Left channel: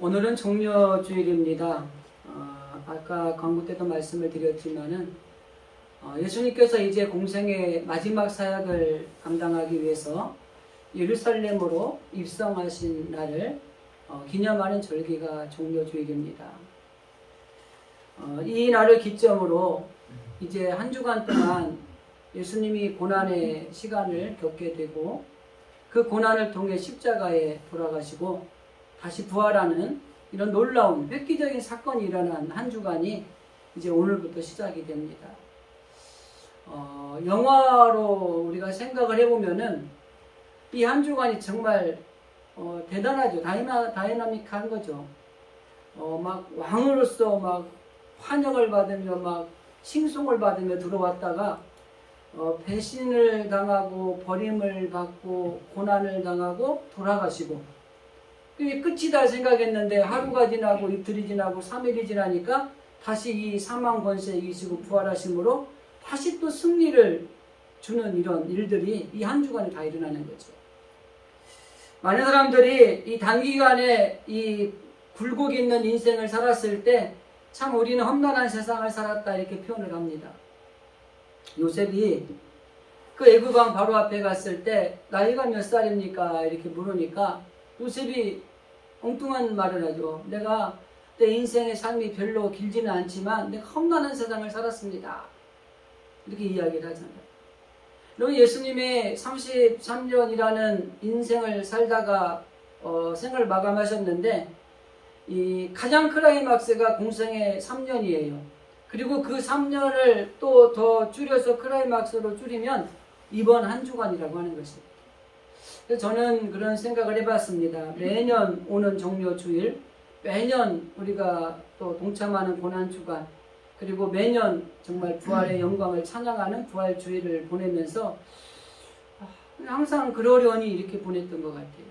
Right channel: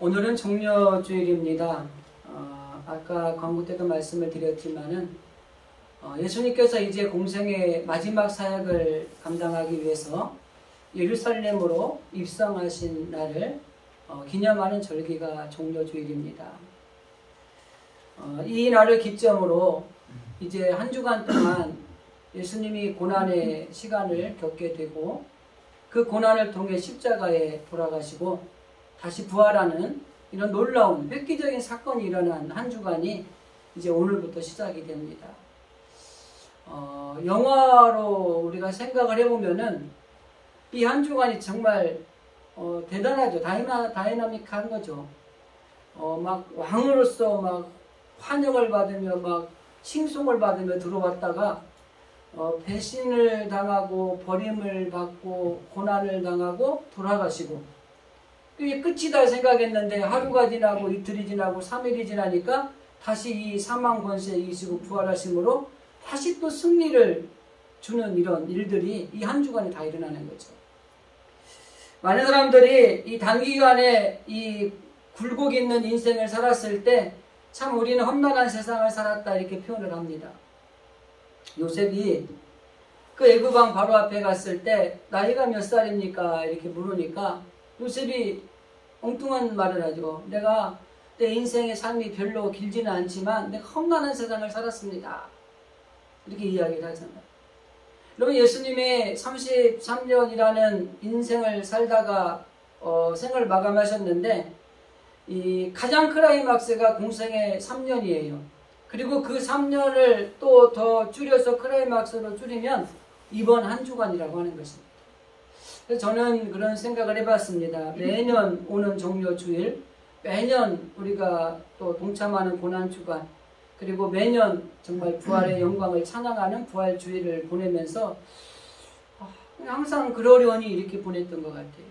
오늘은 종려주일입니다. 아까 광고 때도 말씀을 드렸지만은 예수님께서 이제 공생의 마지막 사역을 감당하기 위해서 예루살렘으로 입성하신 날을 기념하는 절기가 종려주일입니다. 이 날을 기점으로 이제 한 주간 동안 예수님이 고난의 시간을 겪게 되고 그 고난을 통해 십자가에 돌아가시고 다시 부활하는 이런 놀라운 획기적인 사건이 일어난 한 주간이 이제 오늘부터 시작이 됩니다. 영화로 우리가 생각을 해보면은 이 한 주간이 정말 대단하죠. 다이나믹한 거죠. 막 왕으로서 막 환영을 받으며 막 칭송을 받으며 들어왔다가 배신을 당하고 버림을 받고 고난을 당하고 돌아가시고 이게 끝이다 생각했는데 하루가 지나고 이틀이 지나고 3일이 지나니까 다시 이 사망 권세 이기시고 부활하심으로 다시 또 승리를 주는 이런 일들이 이 한 주간에 다 일어나는 거죠. 많은 사람들이 이 단기간에 이 굴곡 있는 인생을 살았을 때 참 우리는 험난한 세상을 살았다 이렇게 표현을 합니다. 요셉이 그 애굽 왕 바로 앞에 갔을 때 나이가 몇 살입니까? 이렇게 물으니까 요셉이 엉뚱한 말을 하죠. 내가 내 인생의 삶이 별로 길지는 않지만 내가 험난한 세상을 살았습니다. 이렇게 이야기를 하잖아요. 여러분 예수님이 33년이라는 인생을 살다가 생을 마감하셨는데 이 가장 클라이막스가 공생의 3년이에요. 그리고 그 3년을 또 더 줄여서 클라이막스로 줄이면 이번 한 주간이라고 하는 것입니다. 그래서 저는 그런 생각을 해봤습니다. 매년 오는 종려주일, 매년 우리가 또 동참하는 고난주간, 그리고 매년 정말 부활의 영광을 찬양하는 부활주일을 보내면서 항상 그러려니 이렇게 보냈던 것 같아요.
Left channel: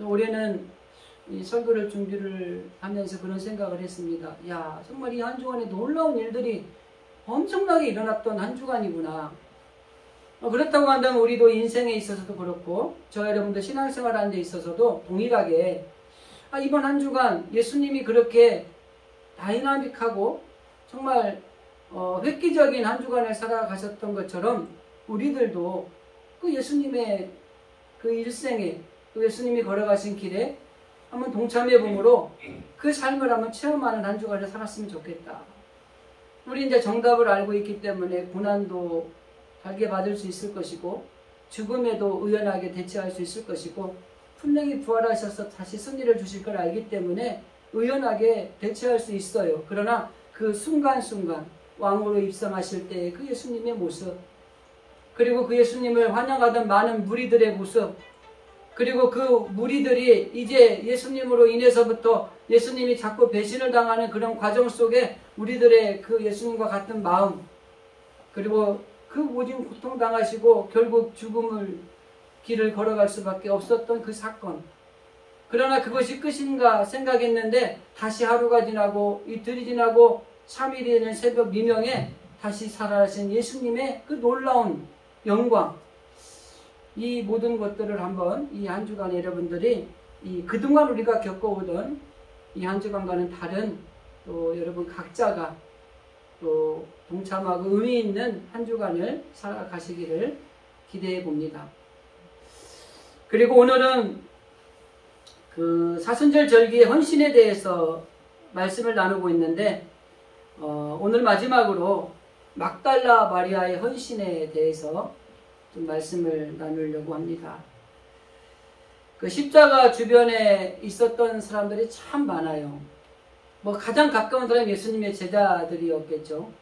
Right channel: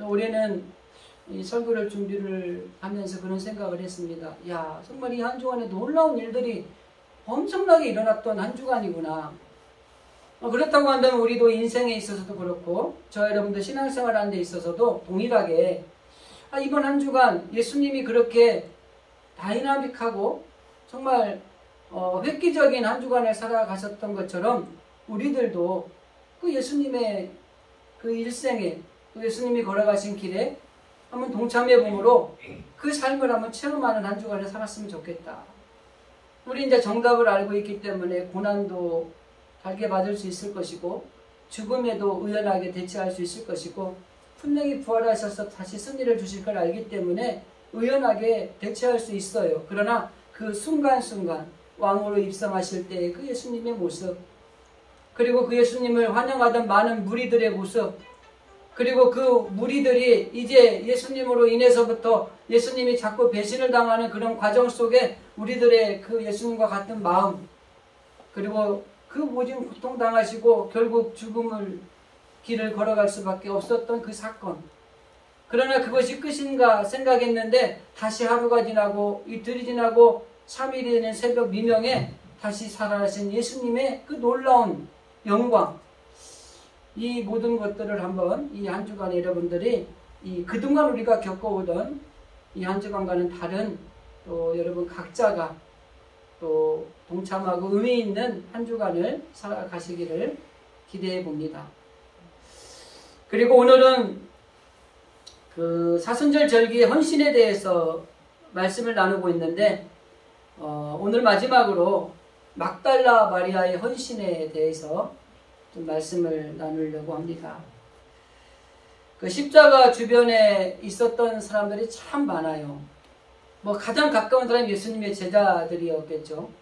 올해는 이 설교를 준비를 하면서 그런 생각을 했습니다. 야, 정말 이 한 주간에 놀라운 일들이 엄청나게 일어났던 한 주간이구나. 그렇다고 한다면 우리도 인생에 있어서도 그렇고 저 여러분들 신앙생활 하는 데 있어서도 동일하게 이번 한 주간 예수님이 그렇게 다이나믹하고 정말 획기적인 한 주간을 살아가셨던 것처럼 우리들도 그 예수님의 그 일생에 또 예수님이 걸어가신 길에 한번 동참해봄으로 그 삶을 한번 체험하는 한 주간을 살았으면 좋겠다. 우리 이제 정답을 알고 있기 때문에 고난도 달게 받을 수 있을 것이고 죽음에도 의연하게 대처할 수 있을 것이고 분명히 부활하셔서 다시 승리를 주실 걸 알기 때문에 의연하게 대처할 수 있어요. 그러나 그 순간순간 왕으로 입성하실 때의 그 예수님의 모습, 그리고 그 예수님을 환영하던 많은 무리들의 모습, 그리고 그 무리들이 이제 예수님으로 인해서부터 예수님이 자꾸 배신을 당하는 그런 과정 속에 우리들의 그 예수님과 같은 마음, 그리고 그 모진 고통당하시고 결국 죽음을 길을 걸어갈 수밖에 없었던 그 사건. 그러나 그것이 끝인가 생각했는데 다시 하루가 지나고 이틀이 지나고 3일이 되는 새벽 미명에 다시 살아나신 예수님의 그 놀라운 영광, 이 모든 것들을 한번 이 한 주간에 여러분들이 그동안 우리가 겪어오던 이 한 주간과는 다른 또 여러분 각자가 또 동참하고 의미 있는 한 주간을 살아가시기를 기대해 봅니다. 그리고 오늘은 그 사순절 절기의 헌신에 대해서 말씀을 나누고 있는데 오늘 마지막으로 막달라 마리아의 헌신에 대해서 좀 말씀을 나누려고 합니다. 그 십자가 주변에 있었던 사람들이 참 많아요. 가장 가까운 사람이 예수님의 제자들이었겠죠.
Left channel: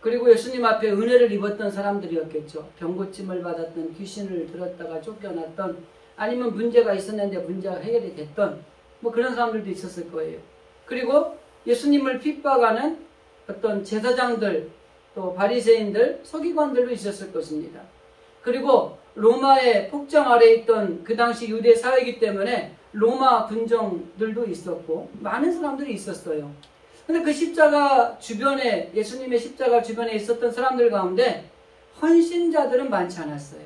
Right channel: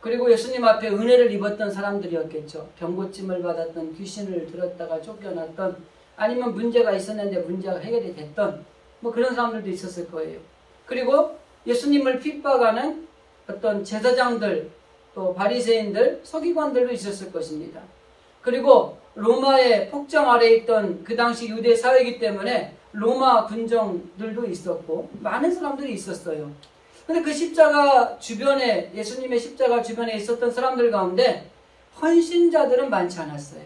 그리고 예수님 앞에 은혜를 입었던 사람들이었겠죠. 병고침을 받았던, 귀신을 들었다가 쫓겨났던, 아니면 문제가 있었는데 문제가 해결이 됐던 그런 사람들도 있었을 거예요. 그리고 예수님을 핍박하는 어떤 제사장들, 또 바리새인들, 서기관들도 있었을 것입니다. 그리고 로마의 폭정 아래에 있던 그 당시 유대 사회이기 때문에 로마 군정들도 있었고 많은 사람들이 있었어요. 근데 그 십자가 주변에, 예수님의 십자가 주변에 있었던 사람들 가운데 헌신자들은 많지 않았어요.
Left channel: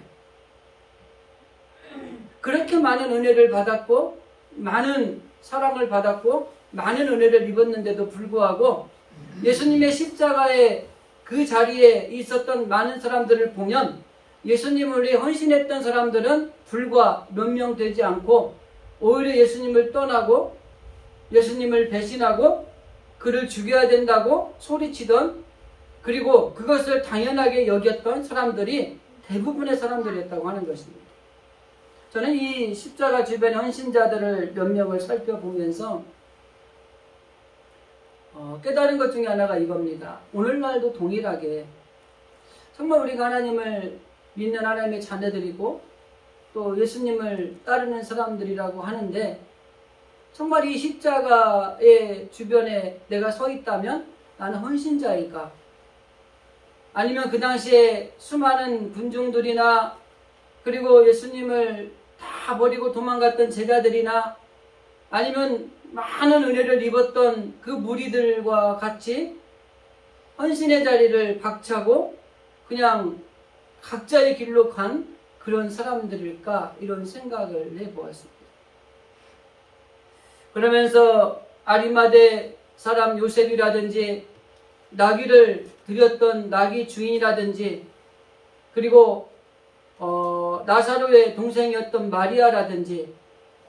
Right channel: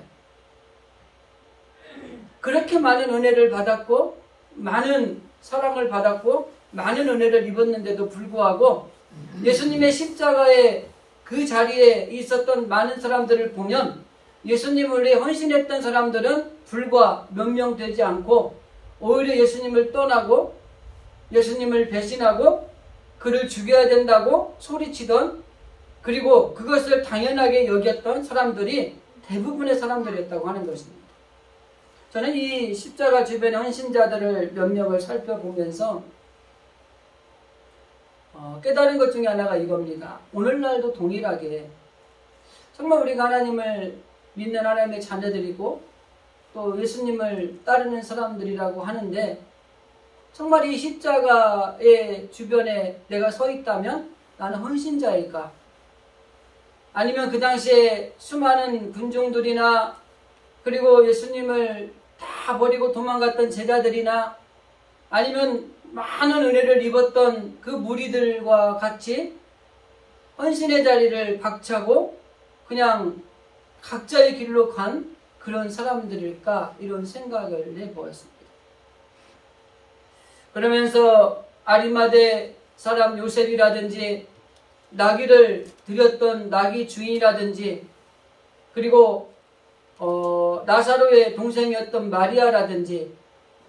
그렇게 많은 은혜를 받았고 많은 사랑을 받았고 많은 은혜를 입었는데도 불구하고 예수님의 십자가의 그 자리에 있었던 많은 사람들을 보면 예수님을 위해 헌신했던 사람들은 불과 몇 명 되지 않고 오히려 예수님을 떠나고 예수님을 배신하고 그를 죽여야 된다고 소리치던, 그리고 그것을 당연하게 여겼던 사람들이 대부분의 사람들이었다고 하는 것입니다. 저는 이 십자가 주변의 헌신자들을 몇 명을 살펴보면서 깨달은 것 중에 하나가 이겁니다. 오늘날도 동일하게 정말 우리가 하나님을 믿는 하나님의 자녀들이고 또 예수님을 따르는 사람들이라고 하는데, 정말 이 십자가의 주변에 내가 서 있다면 나는 헌신자일까? 아니면 그 당시에 수많은 군중들이나 그리고 예수님을 다 버리고 도망갔던 제자들이나 아니면 많은 은혜를 입었던 그 무리들과 같이 헌신의 자리를 박차고 그냥 각자의 길로 간 그런 사람들일까, 이런 생각을 해보았습니다. 그러면서 아리마대 사람 요셉이라든지 나귀를 드렸던 나귀 주인이라든지 그리고 나사로의 동생이었던 마리아라든지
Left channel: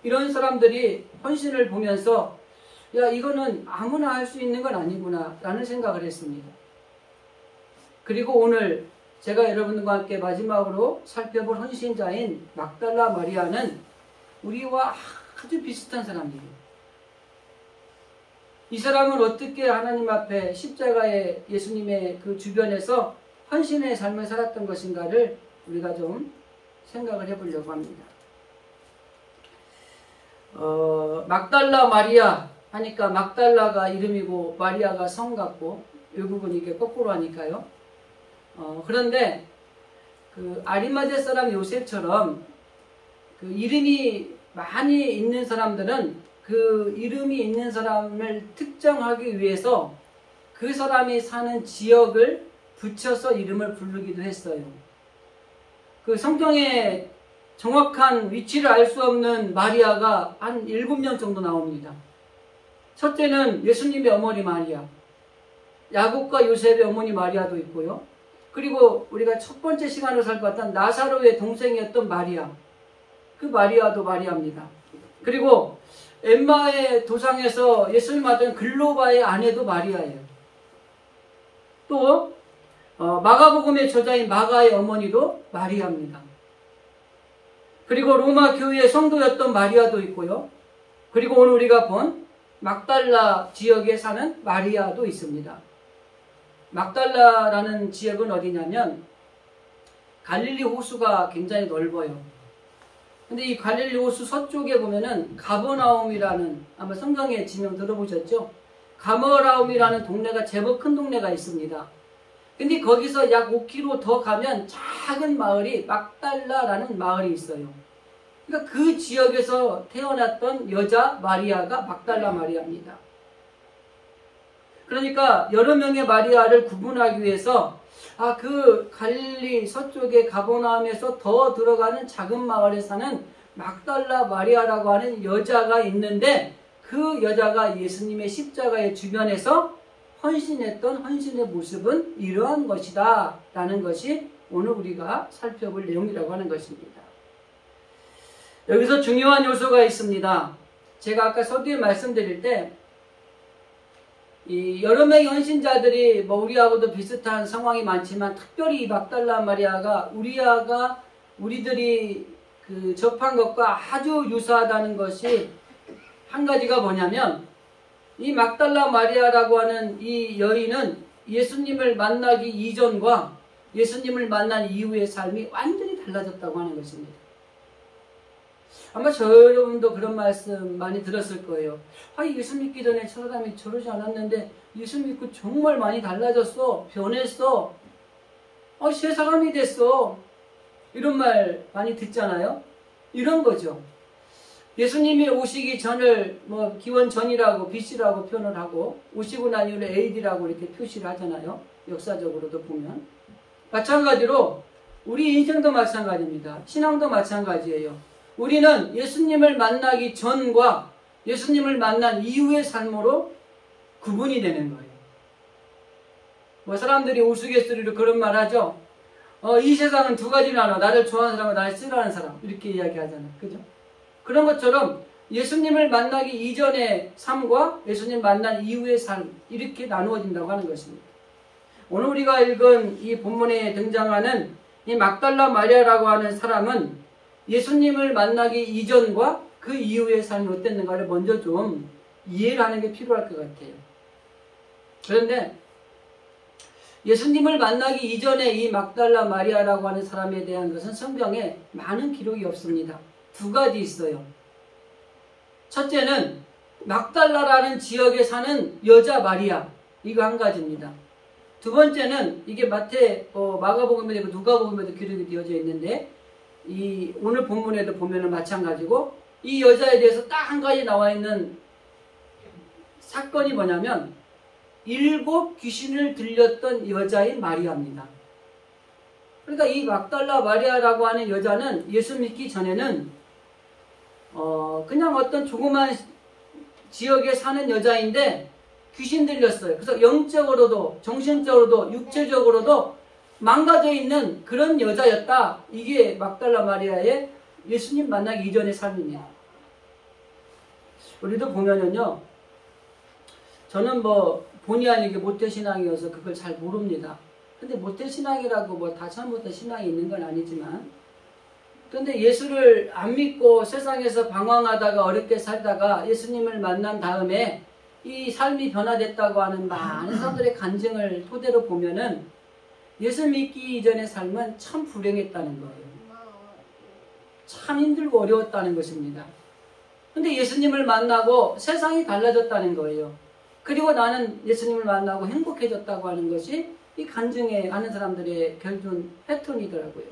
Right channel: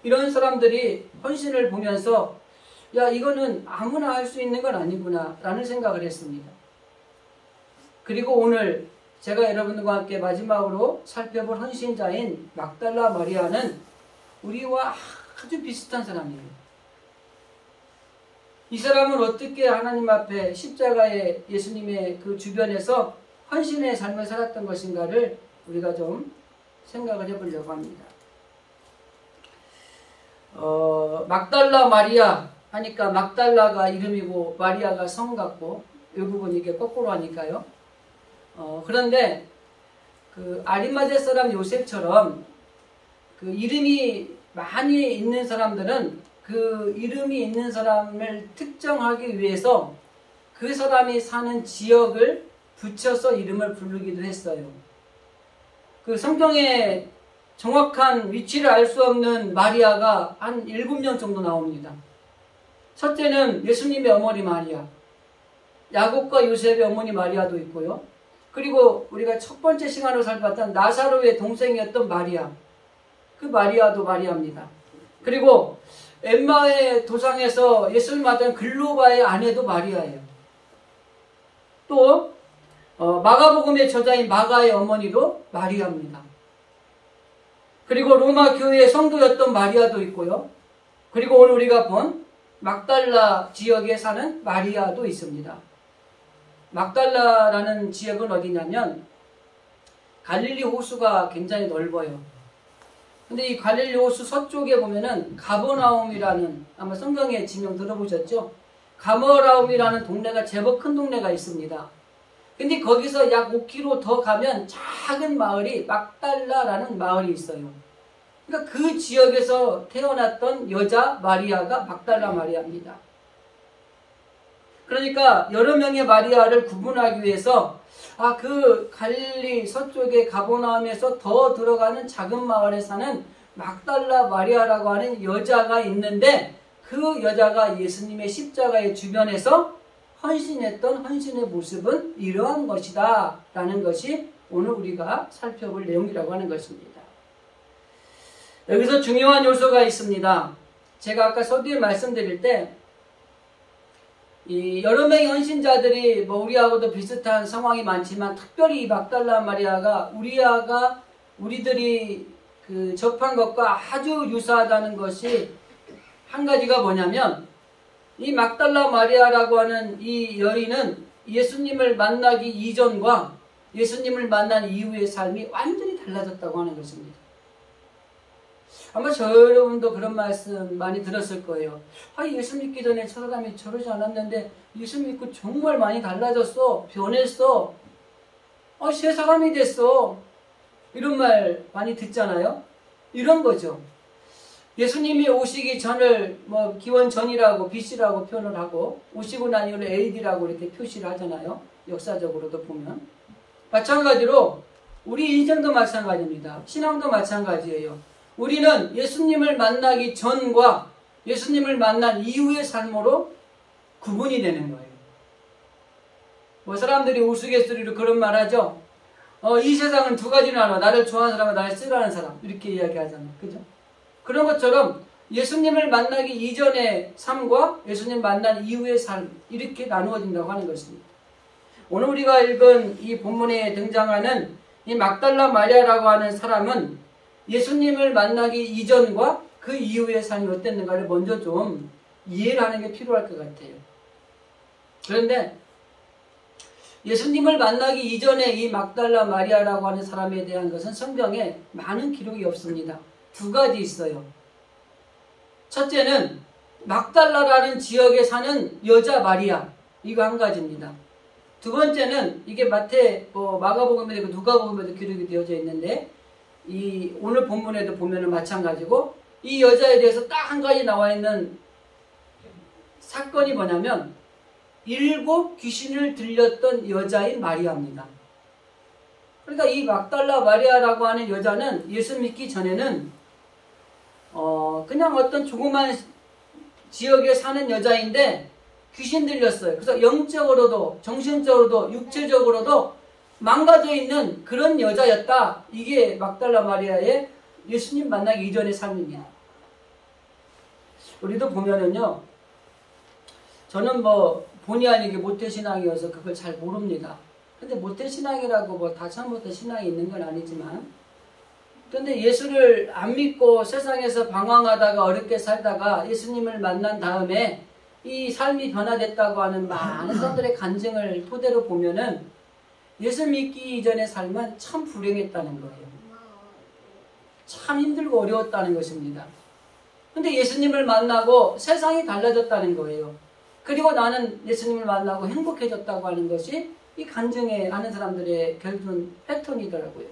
이런 사람들이 헌신을 보면서 야, 이거는 아무나 할 수 있는 건 아니구나 라는 생각을 했습니다. 그리고 오늘 제가 여러분들과 함께 마지막으로 살펴볼 헌신자인 막달라 마리아는 우리와 아주 비슷한 사람이에요. 이 사람은 어떻게 하나님 앞에 십자가의 예수님의 그 주변에서 헌신의 삶을 살았던 것인가를 우리가 좀 생각을 해보려고 합니다. 막달라 마리아 하니까 막달라가 이름이고 마리아가 성 같고 외국은 이게 거꾸로 하니까요. 그런데 그 아리마대 사람 요셉처럼 그 이름이 많이 있는 사람들은 그 이름이 있는 사람을 특정하기 위해서 그 사람이 사는 지역을 붙여서 이름을 부르기도 했어요. 그 성경에 정확한 위치를 알 수 없는 마리아가 한 7명 정도 나옵니다. 첫째는 예수님의 어머니 마리아, 야곱과 요셉의 어머니 마리아도 있고요. 그리고 우리가 첫 번째 시간으로 살펴봤던 나사로의 동생이었던 마리아, 그 마리아도 마리아입니다. 그리고 엠마의 도상에서 예수님 만난 글로바의 아내도 마리아예요. 또 마가복음의 저자인 마가의 어머니도 마리아입니다. 그리고 로마 교회의 성도였던 마리아도 있고요. 그리고 오늘 우리가 본 막달라 지역에 사는 마리아도 있습니다. 막달라라는 지역은 어디냐면 갈릴리 호수가 굉장히 넓어요. 근데 이 갈릴리 호수 서쪽에 보면은 가버나움이라는, 아마 성경에 지명 들어보셨죠? 가버나움이라는 동네가 제법 큰 동네가 있습니다. 근데 거기서 약 5km 더 가면 작은 마을이 막달라라는 마을이 있어요. 그러니까 그 지역에서 태어났던 여자 마리아가 막달라 마리아입니다. 그러니까 여러 명의 마리아를 구분하기 위해서 그 갈릴리 서쪽의 가버나움에서 더 들어가는 작은 마을에 사는 막달라 마리아라고 하는 여자가 있는데, 그 여자가 예수님의 십자가의 주변에서 헌신했던 헌신의 모습은 이러한 것이다 라는 것이 오늘 우리가 살펴볼 내용이라고 하는 것입니다. 여기서 중요한 요소가 있습니다. 제가 아까 서두에 말씀드릴 때 이 여러 명의 헌신자들이 우리하고도 비슷한 상황이 많지만 특별히 이 막달라 마리아가 우리들이 그 접한 것과 아주 유사하다는 것이 한 가지가 뭐냐면, 이 막달라 마리아라고 하는 이 여인은 예수님을 만나기 이전과 예수님을 만난 이후의 삶이 완전히 달라졌다고 하는 것입니다. 아마 여러분도 그런 말씀 많이 들었을 거예요. 예수 믿기 전에 저 사람이 저러지 않았는데 예수 믿고 정말 많이 달라졌어, 변했어, 새 사람이 됐어, 이런 말 많이 듣잖아요. 이런 거죠. 예수님이 오시기 전을 기원 전이라고 BC라고 표현을 하고 오시고 난 이후를 AD라고 이렇게 표시를 하잖아요. 역사적으로도 보면 마찬가지로 우리 인생도 마찬가지입니다. 신앙도 마찬가지예요. 우리는 예수님을 만나기 전과 예수님을 만난 이후의 삶으로 구분이 되는 거예요. 뭐 사람들이 우스갯소리로 그런 말 하죠. 이 세상은 두 가지로 나눠. 나를 좋아하는 사람과 나를 싫어하는 사람. 이렇게 이야기하잖아요. 그죠? 그런 것처럼 예수님을 만나기 이전의 삶과 예수님 만난 이후의 삶, 이렇게 나누어진다고 하는 것입니다. 오늘 우리가 읽은 이 본문에 등장하는 이 막달라 마리아라고 하는 사람은 예수님을 만나기 이전과 그 이후의 삶이 어땠는가를 먼저 좀 이해를 하는 게 필요할 것 같아요. 그런데 예수님을 만나기 이전에 이 막달라 마리아라고 하는 사람에 대한 것은 성경에 많은 기록이 없습니다. 두 가지 있어요. 첫째는 막달라라는 지역에 사는 여자 마리아, 이거 한 가지입니다. 두 번째는 이게 마가복음에도 누가복음에도 기록이 되어져 있는데 이 오늘 본문에도 보면은 마찬가지고 이 여자에 대해서 딱 한 가지 나와 있는 사건이 뭐냐면 7 귀신을 들렸던 여자인 마리아입니다. 그러니까 이 막달라 마리아라고 하는 여자는 예수 믿기 전에는 그냥 어떤 조그만 지역에 사는 여자인데 귀신 들렸어요. 그래서 영적으로도 정신적으로도 육체적으로도 망가져 있는 그런 여자였다. 이게 막달라 마리아의 예수님 만나기 이전의 삶입니다. 우리도 보면은요, 저는 본의 아니게 모태신앙이어서 그걸 잘 모릅니다. 근데 모태신앙이라고 다 처음부터 신앙이 있는 건 아니지만, 그런데 예수를 안 믿고 세상에서 방황하다가 어렵게 살다가 예수님을 만난 다음에 이 삶이 변화됐다고 하는 많은 사람들의 간증을 토대로 보면은 예수 믿기 이전의 삶은 참 불행했다는 거예요. 참 힘들고 어려웠다는 것입니다. 근데 예수님을 만나고 세상이 달라졌다는 거예요. 그리고 나는 예수님을 만나고 행복해졌다고 하는 것이 이 간증에 아는 사람들의 결국 패턴이더라고요.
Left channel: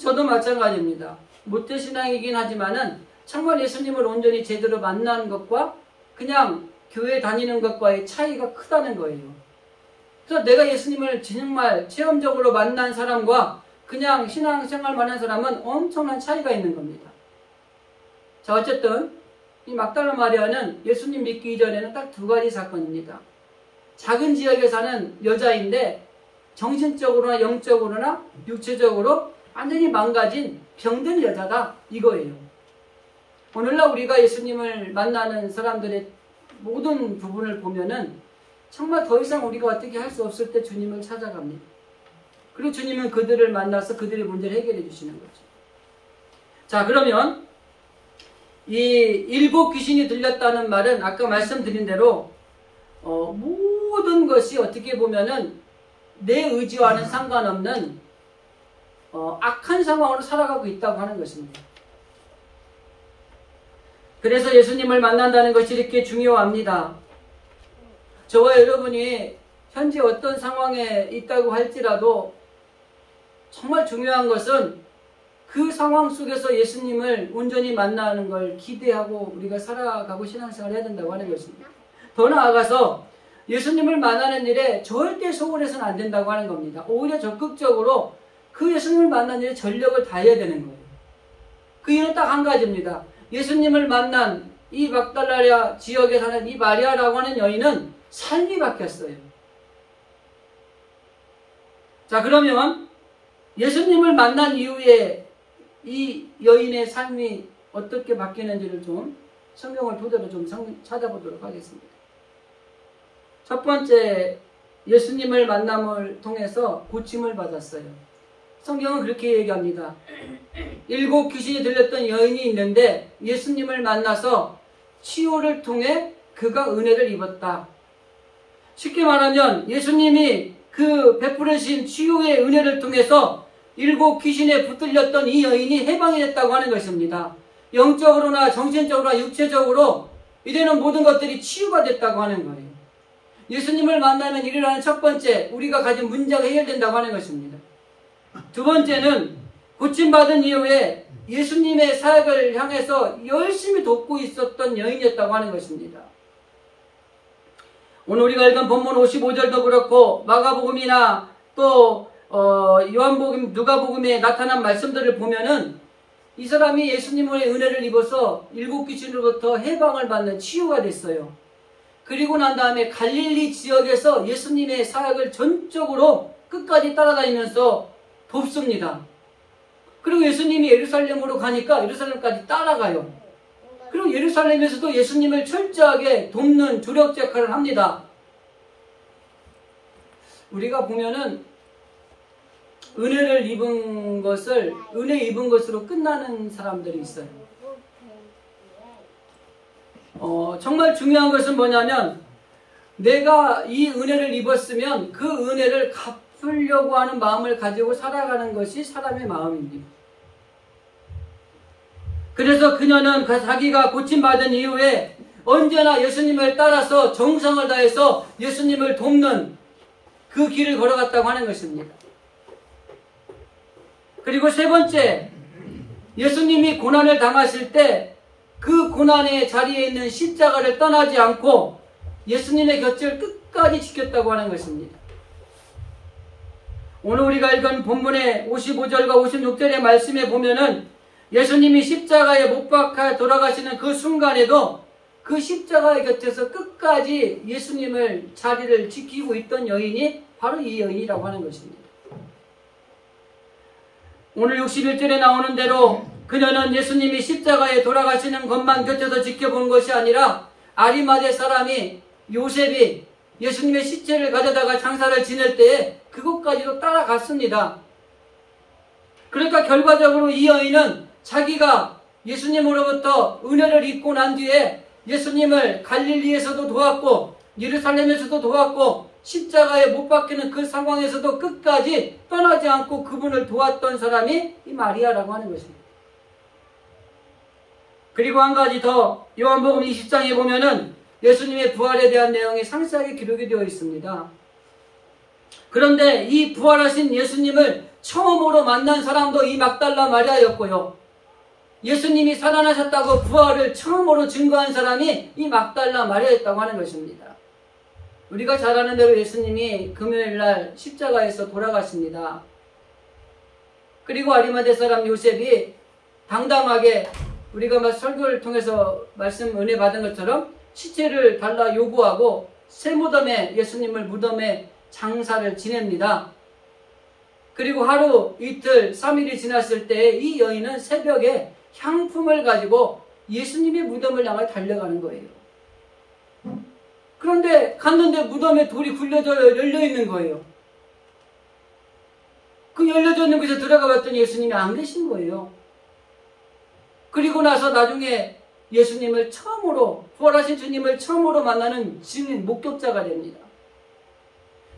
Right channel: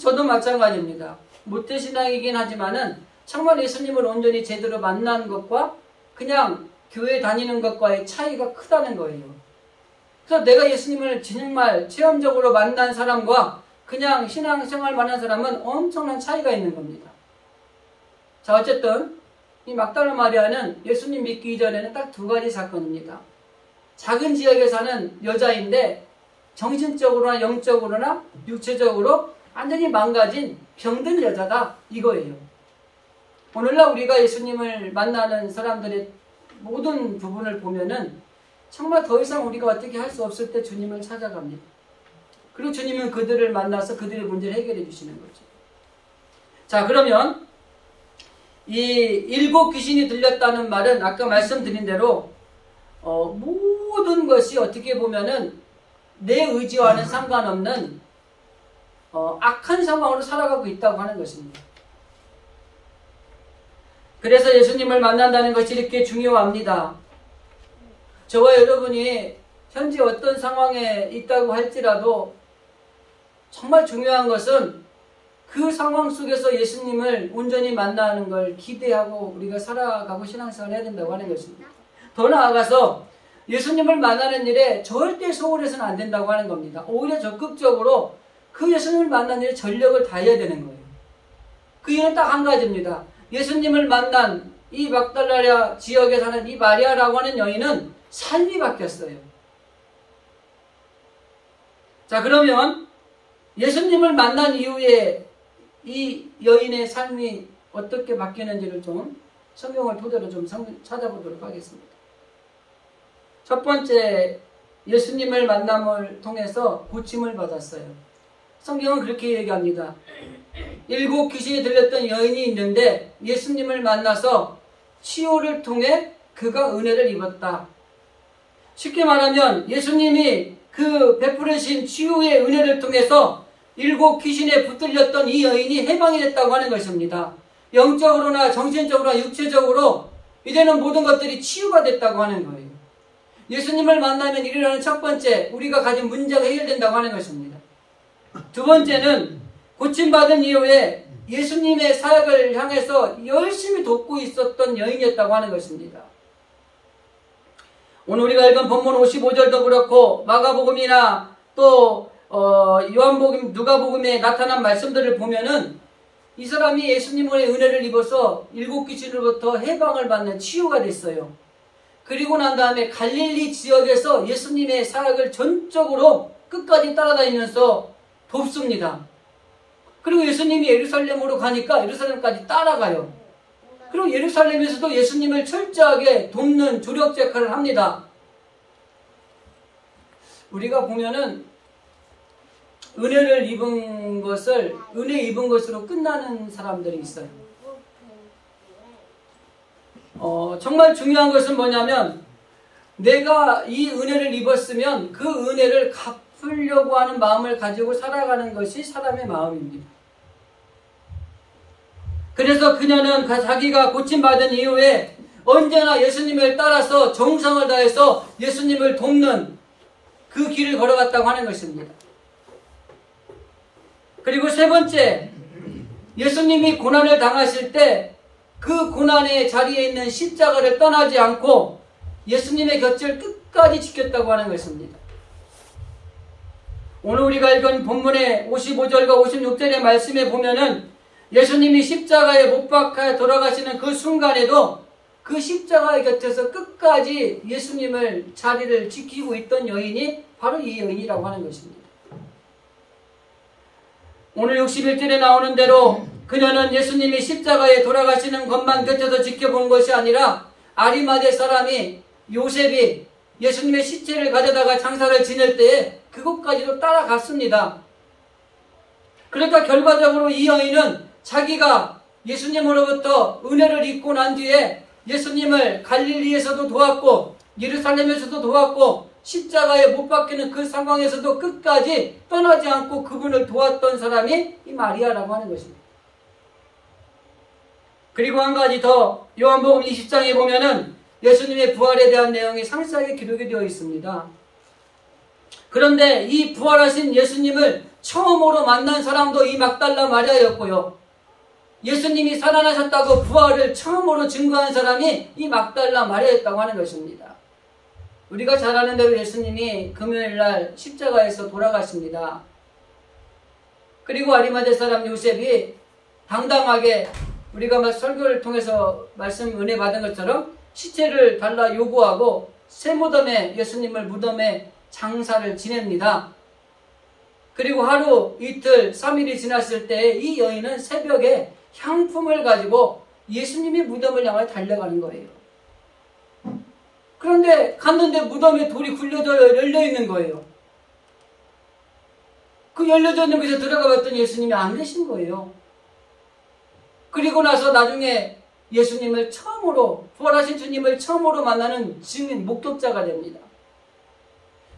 저도 마찬가지입니다. 모태신앙이긴 하지만은 정말 예수님을 온전히 제대로 만난 것과 그냥 교회 다니는 것과의 차이가 크다는 거예요. 그래서 내가 예수님을 정말 체험적으로 만난 사람과 그냥 신앙생활만 한 사람은 엄청난 차이가 있는 겁니다. 자, 어쨌든 이 막달라 마리아는 예수님 믿기 이전에는 딱 두 가지 사건입니다. 작은 지역에 사는 여자인데 정신적으로나 영적으로나 육체적으로 완전히 망가진 병든 여자다, 이거예요. 오늘날 우리가 예수님을 만나는 사람들의 모든 부분을 보면은 정말 더 이상 우리가 어떻게 할 수 없을 때 주님을 찾아갑니다. 그리고 주님은 그들을 만나서 그들의 문제를 해결해 주시는 거죠. 자, 그러면 이 7 귀신이 들렸다는 말은 아까 말씀드린 대로 모든 것이 어떻게 보면은 내 의지와는 상관없는 악한 상황으로 살아가고 있다고 하는 것입니다. 그래서 예수님을 만난다는 것이 이렇게 중요합니다. 저와 여러분이 현재 어떤 상황에 있다고 할지라도 정말 중요한 것은 그 상황 속에서 예수님을 온전히 만나는 걸 기대하고 우리가 살아가고 신앙생활을 해야 된다고 하는 것입니다. 더 나아가서 예수님을 만나는 일에 절대 소홀해서는 안 된다고 하는 겁니다. 오히려 적극적으로 그 예수님을 만나는 일에 전력을 다해야 되는 거예요. 그 이유는 딱 한 가지입니다. 예수님을 만난 이 막달라 지역에 사는 이 마리아라고 하는 여인은 삶이 바뀌었어요. 자, 그러면 예수님을 만난 이후에 이 여인의 삶이 어떻게 바뀌는지를 좀 성경을 토대로 좀 찾아보도록 하겠습니다. 첫 번째, 예수님을 만남을 통해서 고침을 받았어요. 성경은 그렇게 얘기합니다. 7 귀신이 들렸던 여인이 있는데 예수님을 만나서 치유를 통해 그가 은혜를 입었다. 쉽게 말하면 예수님이 그 베푸르신 치유의 은혜를 통해서 7 귀신에 붙들렸던 이 여인이 해방이 됐다고 하는 것입니다. 영적으로나 정신적으로나 육체적으로 이제는 모든 것들이 치유가 됐다고 하는 거예요. 예수님을 만나면 일어나는 첫 번째, 우리가 가진 문제가 해결된다고 하는 것입니다. 두 번째는 고침받은 이후에 예수님의 사역을 향해서 열심히 돕고 있었던 여인이었다고 하는 것입니다. 오늘 우리가 읽은 본문 55절도 그렇고 마가복음이나 또 요한복음, 누가복음에 나타난 말씀들을 보면은 이 사람이 예수님의 은혜를 입어서 일곱 귀신으로부터 해방을 받는 치유가 됐어요. 그리고 난 다음에 갈릴리 지역에서 예수님의 사역을 전적으로 끝까지 따라다니면서 돕습니다. 그리고 예수님이 예루살렘으로 가니까 예루살렘까지 따라가요. 그리고 예루살렘에서도 예수님을 철저하게 돕는 조력 역할을 합니다. 우리가 보면은 은혜를 입은 것을 은혜 입은 것으로 끝나는 사람들이 있어요. 정말 중요한 것은 뭐냐면 내가 이 은혜를 입었으면 그 은혜를 갚으려고 하는 마음을 가지고 살아가는 것이 사람의 마음입니다. 그래서 그녀는 자기가 고침받은 이후에 언제나 예수님을 따라서 정성을 다해서 예수님을 돕는 그 길을 걸어갔다고 하는 것입니다. 그리고 세 번째, 예수님이 고난을 당하실 때 그 고난의 자리에 있는 십자가를 떠나지 않고 예수님의 곁을 끝까지 지켰다고 하는 것입니다. 오늘 우리가 읽은 본문의 55절과 56절의 말씀에 보면은 예수님이 십자가에 못 박혀 돌아가시는 그 순간에도 그 십자가의 곁에서 끝까지 예수님을 자리를 지키고 있던 여인이 바로 이 여인이라고 하는 것입니다. 오늘 61절에 나오는 대로 그녀는 예수님이 십자가에 돌아가시는 것만 곁에서 지켜본 것이 아니라 아리마대 사람이 요셉이 예수님의 시체를 가져다가 장사를 지낼 때에 그것까지도 따라갔습니다. 그러니까 결과적으로 이 여인은 자기가 예수님으로부터 은혜를 입고 난 뒤에 예수님을 갈릴리에서도 도왔고 예루살렘에서도 도왔고 십자가에 못 박히는 그 상황에서도 끝까지 떠나지 않고 그분을 도왔던 사람이 이 마리아라고 하는 것입니다. 그리고 한 가지 더 요한복음 20장에 보면은 예수님의 부활에 대한 내용이 상세하게 기록이 되어 있습니다. 그런데 이 부활하신 예수님을 처음으로 만난 사람도 이 막달라 마리아였고요. 예수님이 살아나셨다고 부활을 처음으로 증거한 사람이 이 막달라 마리아였다고 하는 것입니다. 우리가 잘 아는 대로 예수님이 금요일날 십자가에서 돌아가십니다. 그리고 아리마대 사람 요셉이 당당하게 우리가 막 설교를 통해서 말씀 은혜 받은 것처럼 시체를 달라 요구하고 새 무덤에 예수님을 무덤에 장사를 지냅니다. 그리고 하루 이틀 3일이 지났을 때 이 여인은 새벽에 향품을 가지고 예수님의 무덤을 향해 달려가는 거예요. 그런데 갔는데 무덤에 돌이 굴려져 열려있는 거예요. 그 열려져 있는 곳에 들어가 봤더니 예수님이 안 계신 거예요. 그리고 나서 나중에 예수님을 처음으로 부활하신 주님을 처음으로 만나는 증인 목격자가 됩니다.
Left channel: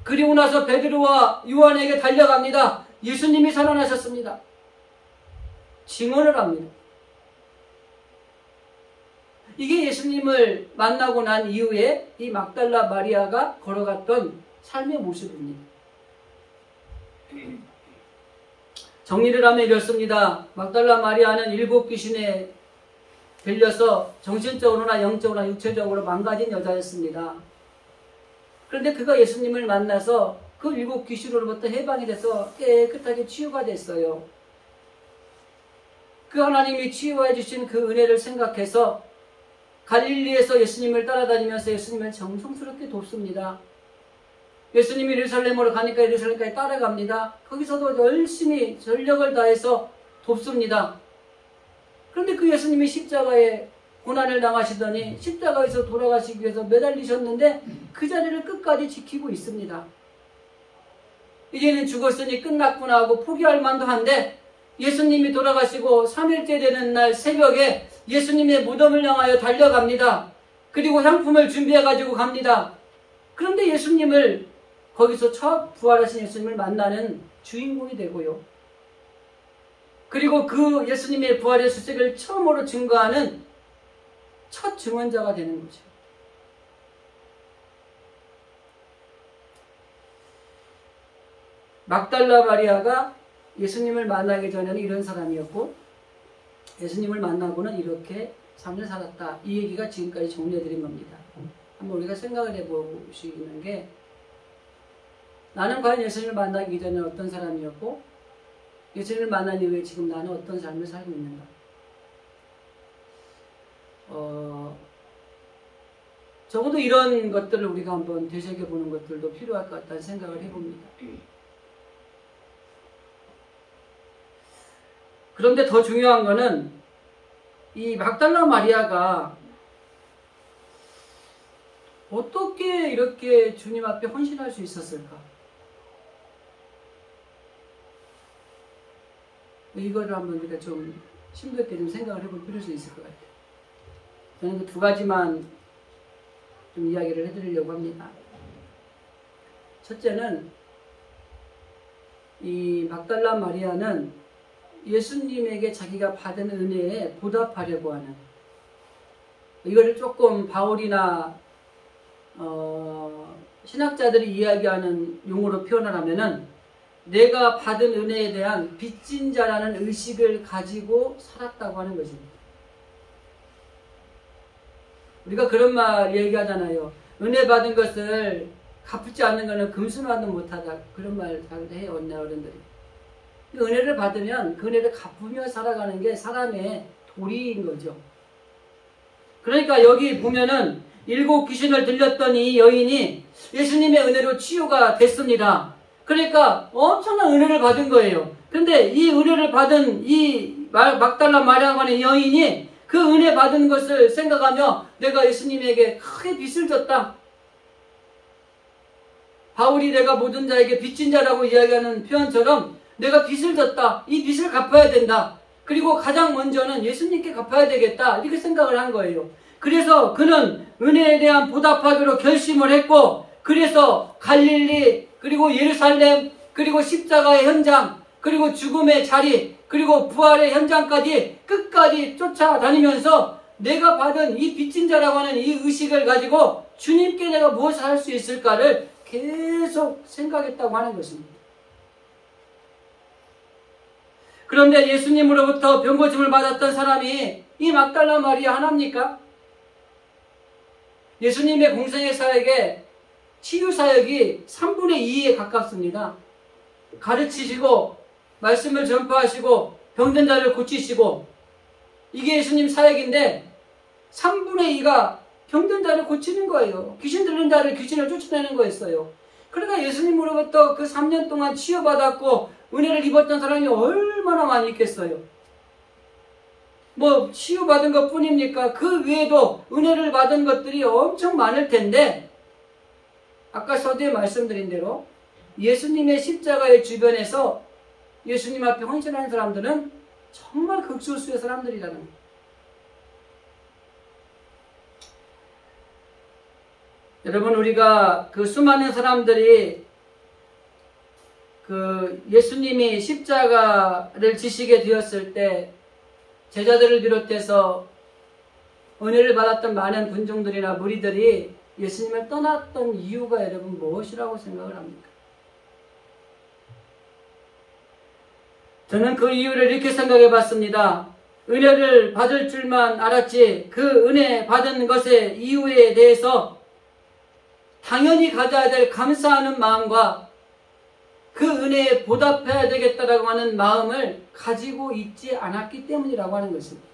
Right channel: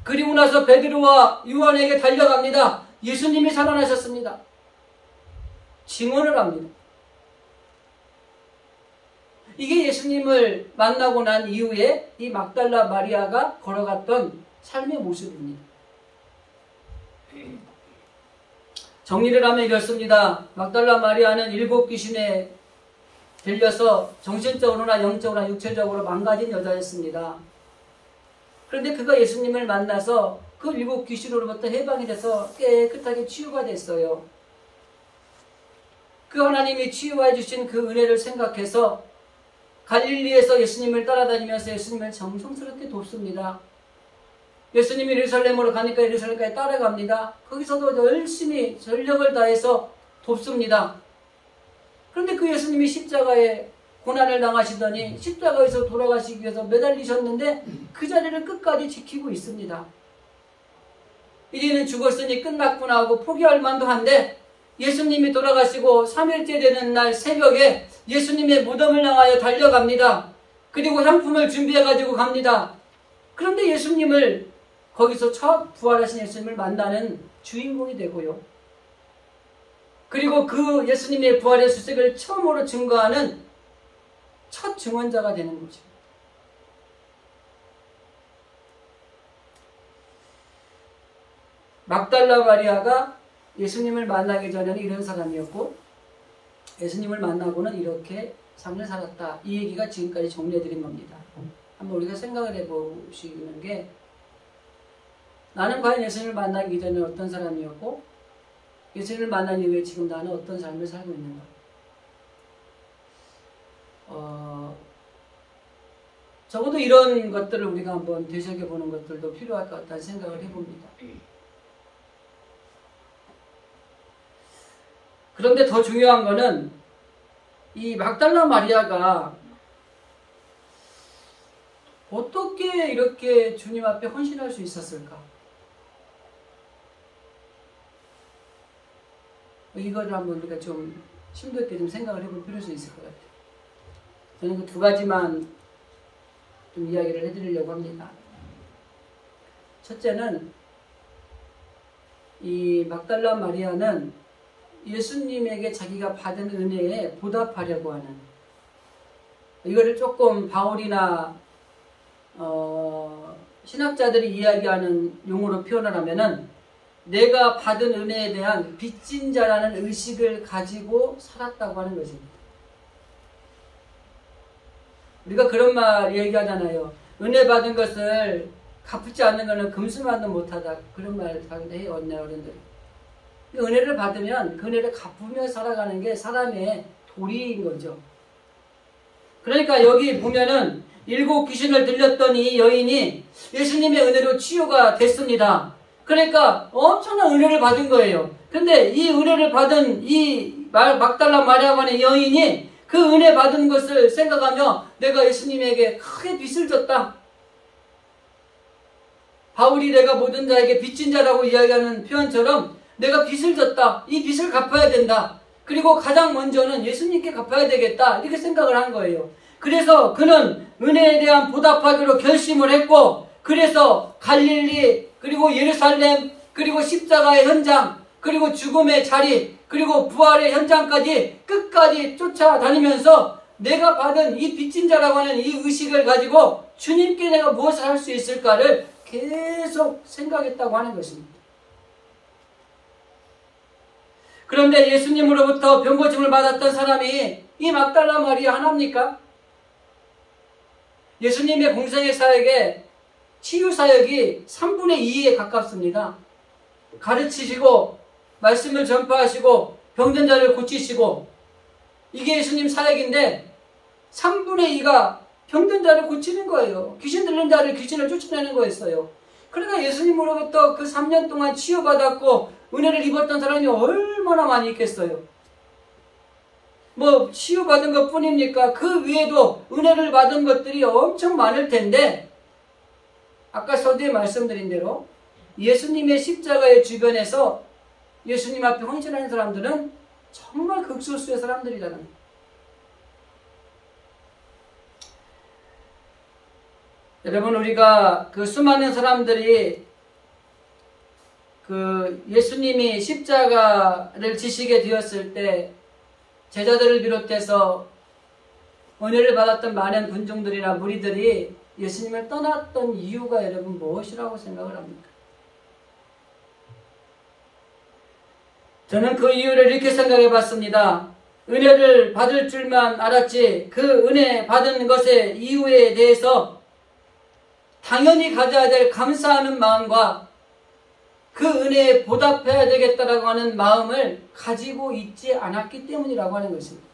그리고 나서 베드로와 요한에게 달려갑니다. 예수님이 살아나셨습니다. 증언을 합니다. 이게 예수님을 만나고 난 이후에 이 막달라 마리아가 걸어갔던 삶의 모습입니다. 정리를 하면 이렇습니다. 막달라 마리아는 일곱 귀신에 들려서 정신적으로나 영적으로나 육체적으로 망가진 여자였습니다. 그런데 그가 예수님을 만나서 그 일곱 귀신으로부터 해방이 돼서 깨끗하게 치유가 됐어요. 그 하나님이 치유해 주신 그 은혜를 생각해서 갈릴리에서 예수님을 따라다니면서 예수님을 정성스럽게 돕습니다. 예수님이 예루살렘으로 가니까 예루살렘까지 따라갑니다. 거기서도 열심히 전력을 다해서 돕습니다. 그런데 그 예수님이 십자가에 고난을 당하시더니 십자가에서 돌아가시기 위해서 매달리셨는데 그 자리를 끝까지 지키고 있습니다. 이제는 죽었으니 끝났구나 하고 포기할 만도 한데 예수님이 돌아가시고 3일째 되는 날 새벽에 예수님의 무덤을 향하여 달려갑니다. 그리고 향품을 준비해가지고 갑니다. 그런데 예수님을 거기서 첫 부활하신 예수님을 만나는 주인공이 되고요. 그리고 그 예수님의 부활의 수색을 처음으로 증거하는 첫 증언자가 되는 거죠. 막달라 마리아가 예수님을 만나기 전에는 이런 사람이었고 예수님을 만나고는 이렇게 삶을 살았다. 이 얘기가 지금까지 정리해드린 겁니다. 한번 우리가 생각을 해보시는 게 나는 과연 예수님을 만나기 전에 어떤 사람이었고 예수님을 만난 이후에 지금 나는 어떤 삶을 살고 있는가? 적어도 이런 것들을 우리가 한번 되새겨보는 것들도 필요할 것 같다는 생각을 해봅니다. 그런데 더 중요한 거는 이 막달라 마리아가 어떻게 이렇게 주님 앞에 헌신할 수 있었을까? 이거를 한번 우리가 좀 심도 있게 좀 생각을 해볼 필요가 있을 것 같아요. 저는 그 두 가지만 좀 이야기를 해드리려고 합니다. 첫째는 이 막달라 마리아는 예수님에게 자기가 받은 은혜에 보답하려고 하는, 이거를 조금 바울이나 신학자들이 이야기하는 용어로 표현을 하면은 내가 받은 은혜에 대한 빚진 자라는 의식을 가지고 살았다고 하는 것입니다. 우리가 그런 말 얘기하잖아요. 은혜 받은 것을 갚지 않는 것은 금수만도 못하다. 그런 말 해요, 어른들이. 은혜를 받으면 그 은혜를 갚으며 살아가는 게 사람의 도리인 거죠. 그러니까 여기 보면은 7 귀신을 들렸던 이 여인이 예수님의 은혜로 치유가 됐습니다. 그러니까 엄청난 은혜를 받은 거예요. 근데 이 은혜를 받은 이 막달라 마리아라고 하는 여인이 그 은혜 받은 것을 생각하며 내가 예수님에게 크게 빚을 졌다. 바울이 내가 모든 자에게 빚진 자라고 이야기하는 표현처럼 내가 빚을 졌다. 이 빚을 갚아야 된다. 그리고 가장 먼저는 예수님께 갚아야 되겠다. 이렇게 생각을 한 거예요. 그래서 그는 은혜에 대한 보답하기로 결심을 했고, 그래서 갈릴리, 그리고 예루살렘, 그리고 십자가의 현장, 그리고 죽음의 자리, 그리고 부활의 현장까지 끝까지 쫓아다니면서 내가 받은 이 빚진 자라고 하는 이 의식을 가지고 주님께 내가 무엇을 할 수 있을까를 계속 생각했다고 하는 것입니다. 그런데 예수님으로부터 병고침을 받았던 사람이 이 막달라 마리아 하나입니까? 예수님의 공생의 사역에 치유 사역이 3분의 2에 가깝습니다. 가르치시고 말씀을 전파하시고 병든 자를 고치시고, 이게 예수님 사역인데 3분의 2가 병든 자를 고치는 거예요. 귀신 들린 자를 귀신을 쫓아내는 거였어요. 그러니까 예수님으로부터 그 3년 동안 치유받았고 은혜를 입었던 사람이 얼마나 많이 있겠어요. 뭐 치유받은 것 뿐입니까? 그 외에도 은혜를 받은 것들이 엄청 많을 텐데, 아까 서두에 말씀드린 대로 예수님의 십자가의 주변에서 예수님 앞에 헌신하는 사람들은 정말 극소수의 사람들이라는 거예요. 여러분, 우리가 그 수많은 사람들이 그 예수님이 십자가를 지시게 되었을 때 제자들을 비롯해서 은혜를 받았던 많은 군중들이나 무리들이 예수님을 떠났던 이유가 여러분 무엇이라고 생각을 합니까? 저는 그 이유를 이렇게 생각해 봤습니다. 은혜를 받을 줄만 알았지 그 은혜 받은 것의 이유에 대해서 당연히 가져야 될 감사하는 마음과 그 은혜에 보답해야 되겠다라고 하는 마음을 가지고 있지 않았기 때문이라고 하는 것입니다.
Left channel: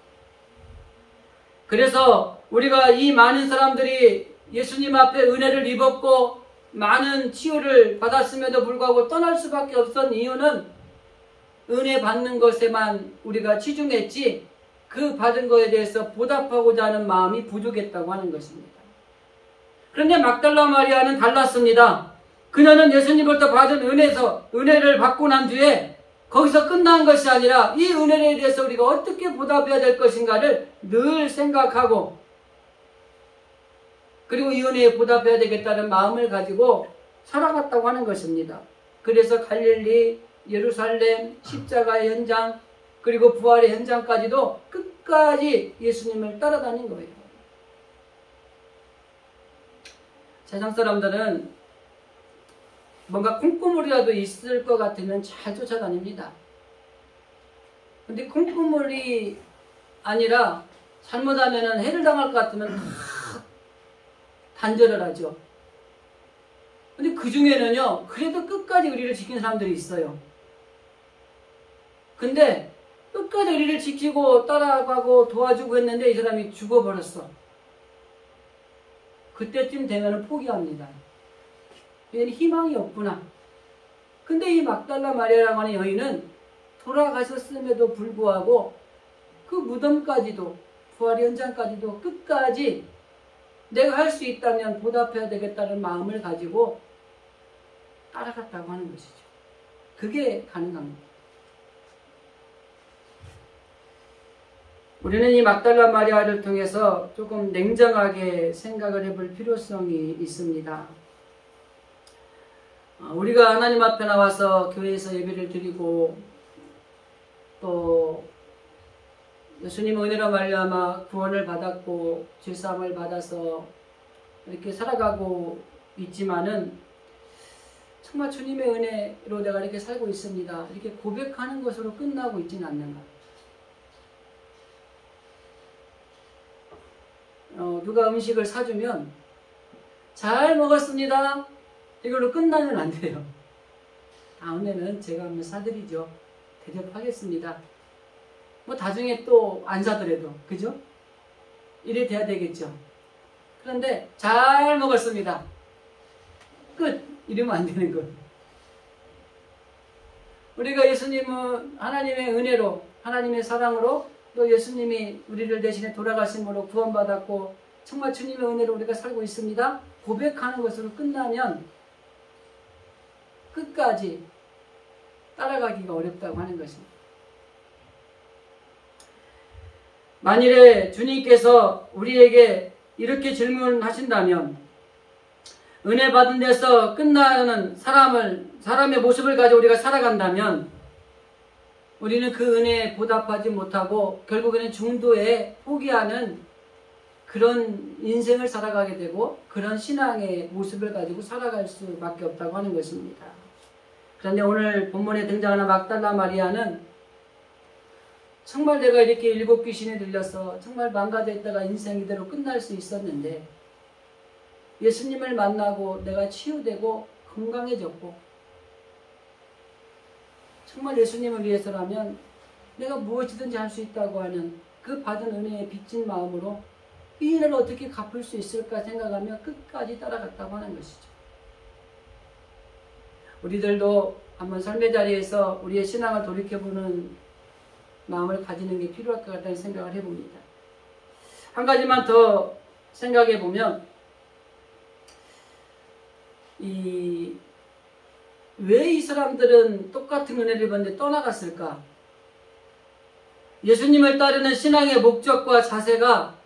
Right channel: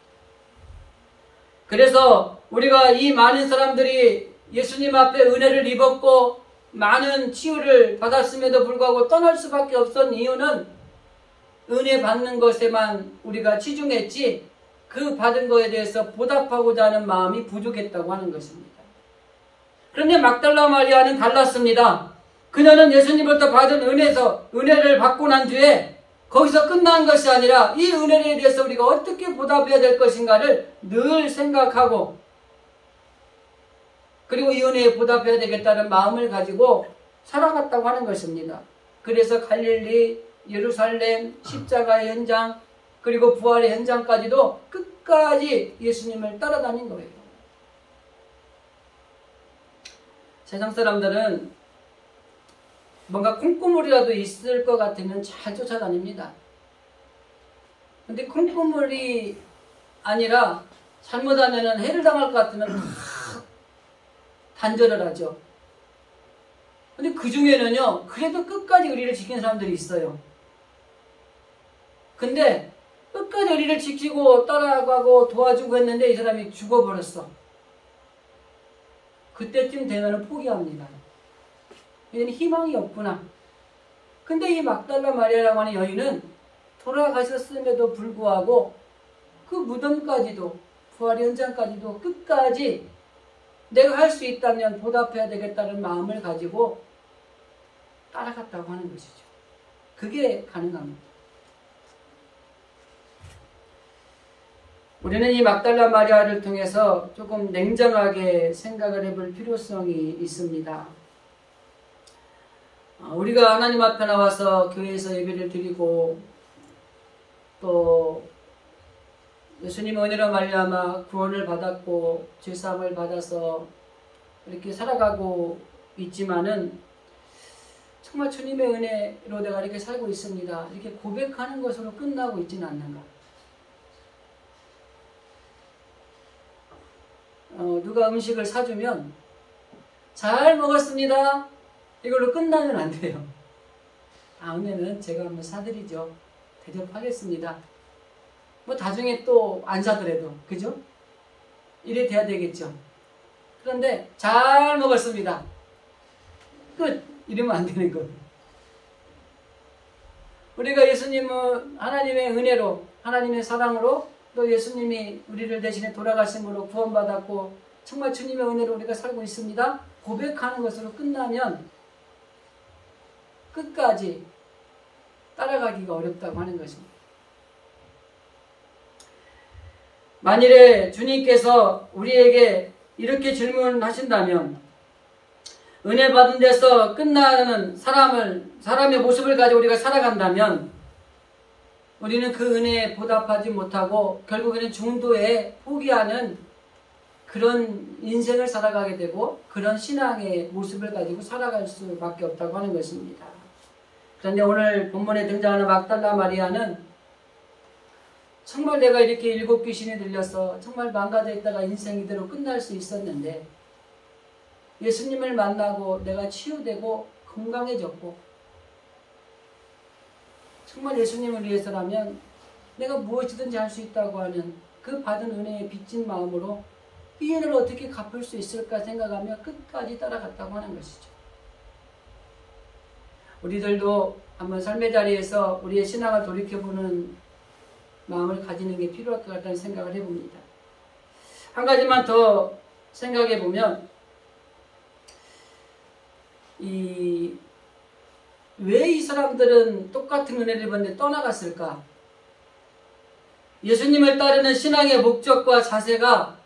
그래서 우리가 이 많은 사람들이 예수님 앞에 은혜를 입었고 많은 치유를 받았음에도 불구하고 떠날 수밖에 없었던 이유는 은혜 받는 것에만 우리가 치중했지 그 받은 것에 대해서 보답하고자 하는 마음이 부족했다고 하는 것입니다. 그런데 막달라 마리아는 달랐습니다. 그녀는 예수님으로부터 받은 은혜를 받고 난 뒤에 거기서 끝난 것이 아니라 이 은혜에 대해서 우리가 어떻게 보답해야 될 것인가를 늘 생각하고, 그리고 이 은혜에 보답해야 되겠다는 마음을 가지고 살아갔다고 하는 것입니다. 그래서 갈릴리, 예루살렘, 십자가의 현장, 그리고 부활의 현장까지도 끝까지 예수님을 따라다닌 거예요. 세상 사람들은 뭔가 콩고물이라도 있을 것 같으면 잘 쫓아다닙니다. 근데 콩고물이 아니라 잘못하면 해를 당할 것 같으면 다 단절을 하죠. 근데 그 중에는요, 그래도 끝까지 우리를 지키는 사람들이 있어요. 근데 끝까지 우리를 지키고 따라가고 도와주고 했는데 이 사람이 죽어버렸어. 그때쯤 되면 포기합니다. 얘는 희망이 없구나. 근데 이 막달라 마리아라고 하는 여인은 돌아가셨음에도 불구하고 그 무덤까지도 부활 현장까지도 끝까지 내가 할 수 있다면 보답해야 되겠다는 마음을 가지고 따라갔다고 하는 것이죠. 그게 가능한 겁니다. 우리는 이 막달라 마리아를 통해서 조금 냉정하게 생각을 해볼 필요성이 있습니다. 우리가 하나님 앞에 나와서 교회에서 예배를 드리고 또 예수님의 은혜로 말미암아 구원을 받았고 죄사함을 받아서 이렇게 살아가고 있지만은 정말 주님의 은혜로 내가 이렇게 살고 있습니다. 이렇게 고백하는 것으로 끝나고 있지는 않는가? 누가 음식을 사주면 잘 먹었습니다. 이걸로 끝나면 안 돼요. 다음에는 제가 한번 사드리죠. 대접하겠습니다. 뭐 나중에 또 안 사더라도 그죠? 이래 돼야 되겠죠. 그런데 잘 먹었습니다. 끝! 이러면 안 되는 거예요. 우리가 예수님은 하나님의 은혜로 하나님의 사랑으로 또 예수님이 우리를 대신에 돌아가심으로 구원받았고 정말 주님의 은혜로 우리가 살고 있습니다. 고백하는 것으로 끝나면 끝까지 따라가기가 어렵다고 하는 것입니다. 만일에 주님께서 우리에게 이렇게 질문하신다면 은혜 받은 데서 끝나는 사람의 모습을 가지고 우리가 살아간다면 우리는 그 은혜에 보답하지 못하고 결국에는 중도에 포기하는 그런 인생을 살아가게 되고 그런 신앙의 모습을 가지고 살아갈 수밖에 없다고 하는 것입니다. 그런데 오늘 본문에 등장하는 막달라 마리아는 정말 내가 이렇게 7 귀신이 들려서 정말 망가져 있다가 인생 이대로 끝날 수 있었는데 예수님을 만나고 내가 치유되고 건강해졌고 정말 예수님을 위해서라면 내가 무엇이든지 할 수 있다고 하는 그 받은 은혜에 빚진 마음으로 이 은혜를 어떻게 갚을 수 있을까 생각하며 끝까지 따라갔다고 하는 것이죠. 우리들도 한번 삶의 자리에서 우리의 신앙을 돌이켜보는 마음을 가지는 게 필요할 것 같다는 생각을 해봅니다. 한 가지만 더 생각해보면 왜 이 사람들은 똑같은 은혜를 받는데 떠나갔을까? 예수님을 따르는 신앙의 목적과 자세가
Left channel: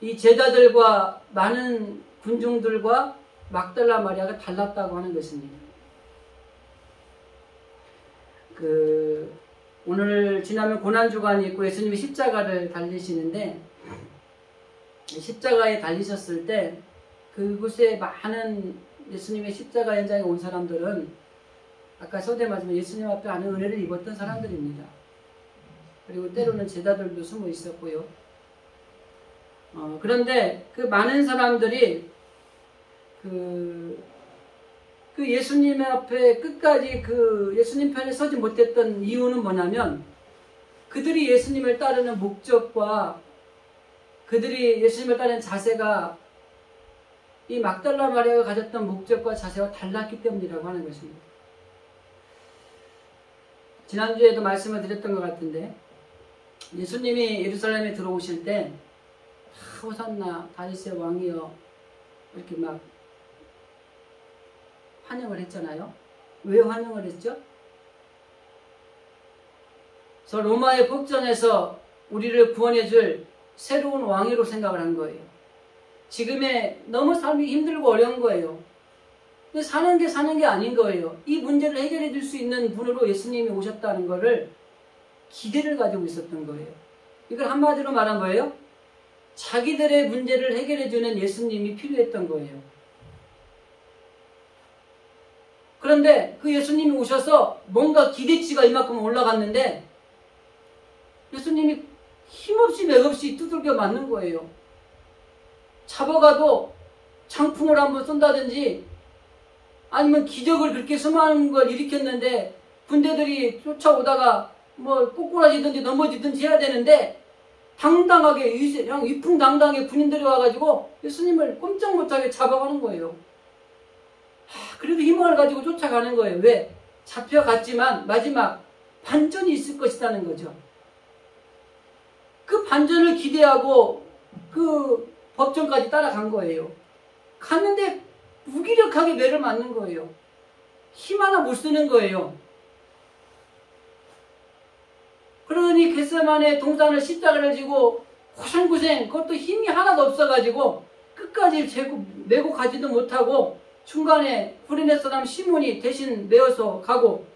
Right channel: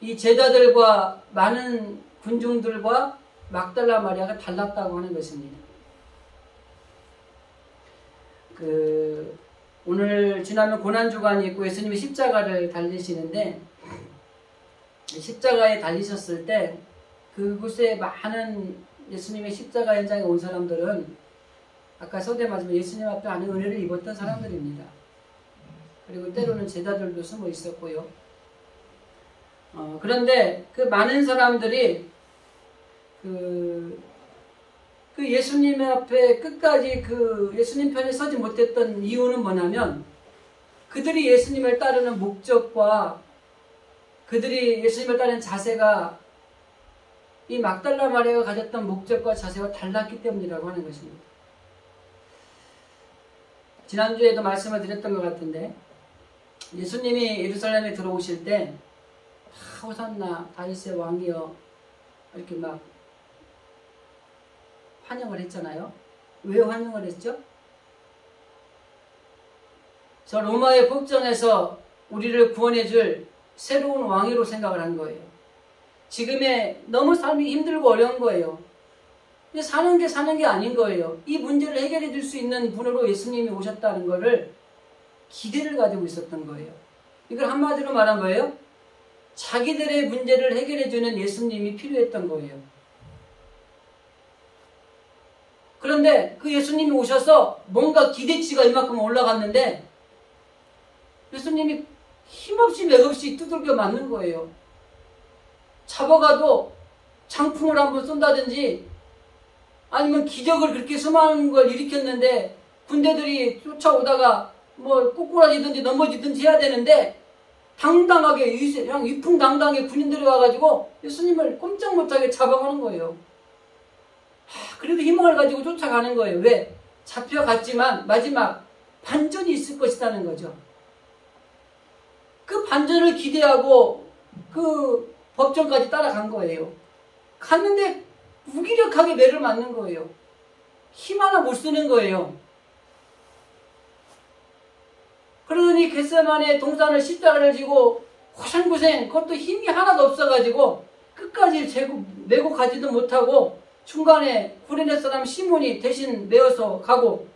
이 제자들과 많은 군중들과 막달라 마리아가 달랐다고 하는 것입니다. 오늘 지나면 고난주간이 있고 예수님이 십자가를 달리시는데 십자가에 달리셨을 때 그곳에 많은 예수님의 십자가 현장에 온 사람들은 아까 서대 말씀에 예수님 앞에 아는 은혜를 입었던 사람들입니다. 그리고 때로는 제자들도 숨어 있었고요. 그런데 그 많은 사람들이 그 예수님 앞에 끝까지 예수님 편에 서지 못했던 이유는 뭐냐면 그들이 예수님을 따르는 목적과 그들이 예수님을 따르는 자세가 이 막달라 마리아가 가졌던 목적과 자세와 달랐기 때문이라고 하는 것입니다. 지난주에도 말씀을 드렸던 것 같은데 예수님이 예루살렘에 들어오실 때 호산나 다윗의 왕이여 이렇게 막 환영을 했잖아요. 왜 환영을 했죠? 저 로마의 법정에서 우리를 구원해 줄 새로운 왕으로 생각을 한 거예요. 지금의 너무 삶이 힘들고 어려운 거예요. 사는 게 아닌 거예요. 이 문제를 해결해 줄 수 있는 분으로 예수님이 오셨다는 것을 기대를 가지고 있었던 거예요. 이걸 한마디로 말한 거예요. 자기들의 문제를 해결해 주는 예수님이 필요했던 거예요. 그런데 그 예수님이 오셔서 뭔가 기대치가 이만큼 올라갔는데 예수님이 힘없이 맥없이 두들겨 맞는 거예요. 잡아가도 장풍을 한번 쏜다든지 아니면 기적을 그렇게 수많은 걸 일으켰는데 군대들이 쫓아오다가 뭐 꼬꾸라지든지 넘어지든지 해야 되는데 당당하게 그냥 위풍당당하게 군인들이 와가지고 예수님을 꼼짝 못하게 잡아가는 거예요. 그래도 희망을 가지고 쫓아가는 거예요. 왜? 잡혀갔지만 마지막 반전이 있을 것이라는 거죠. 그 반전을 기대하고 그 법정까지 따라간 거예요. 갔는데 무기력하게 매를 맞는 거예요. 힘 하나 못 쓰는 거예요. 그러니 겟세마네 동산을 십자가를 지고 고생고생 그것도 힘이 하나도 없어가지고 끝까지 메고 가지도 못하고 중간에 구레네 사람 시몬이 대신 메어서 가고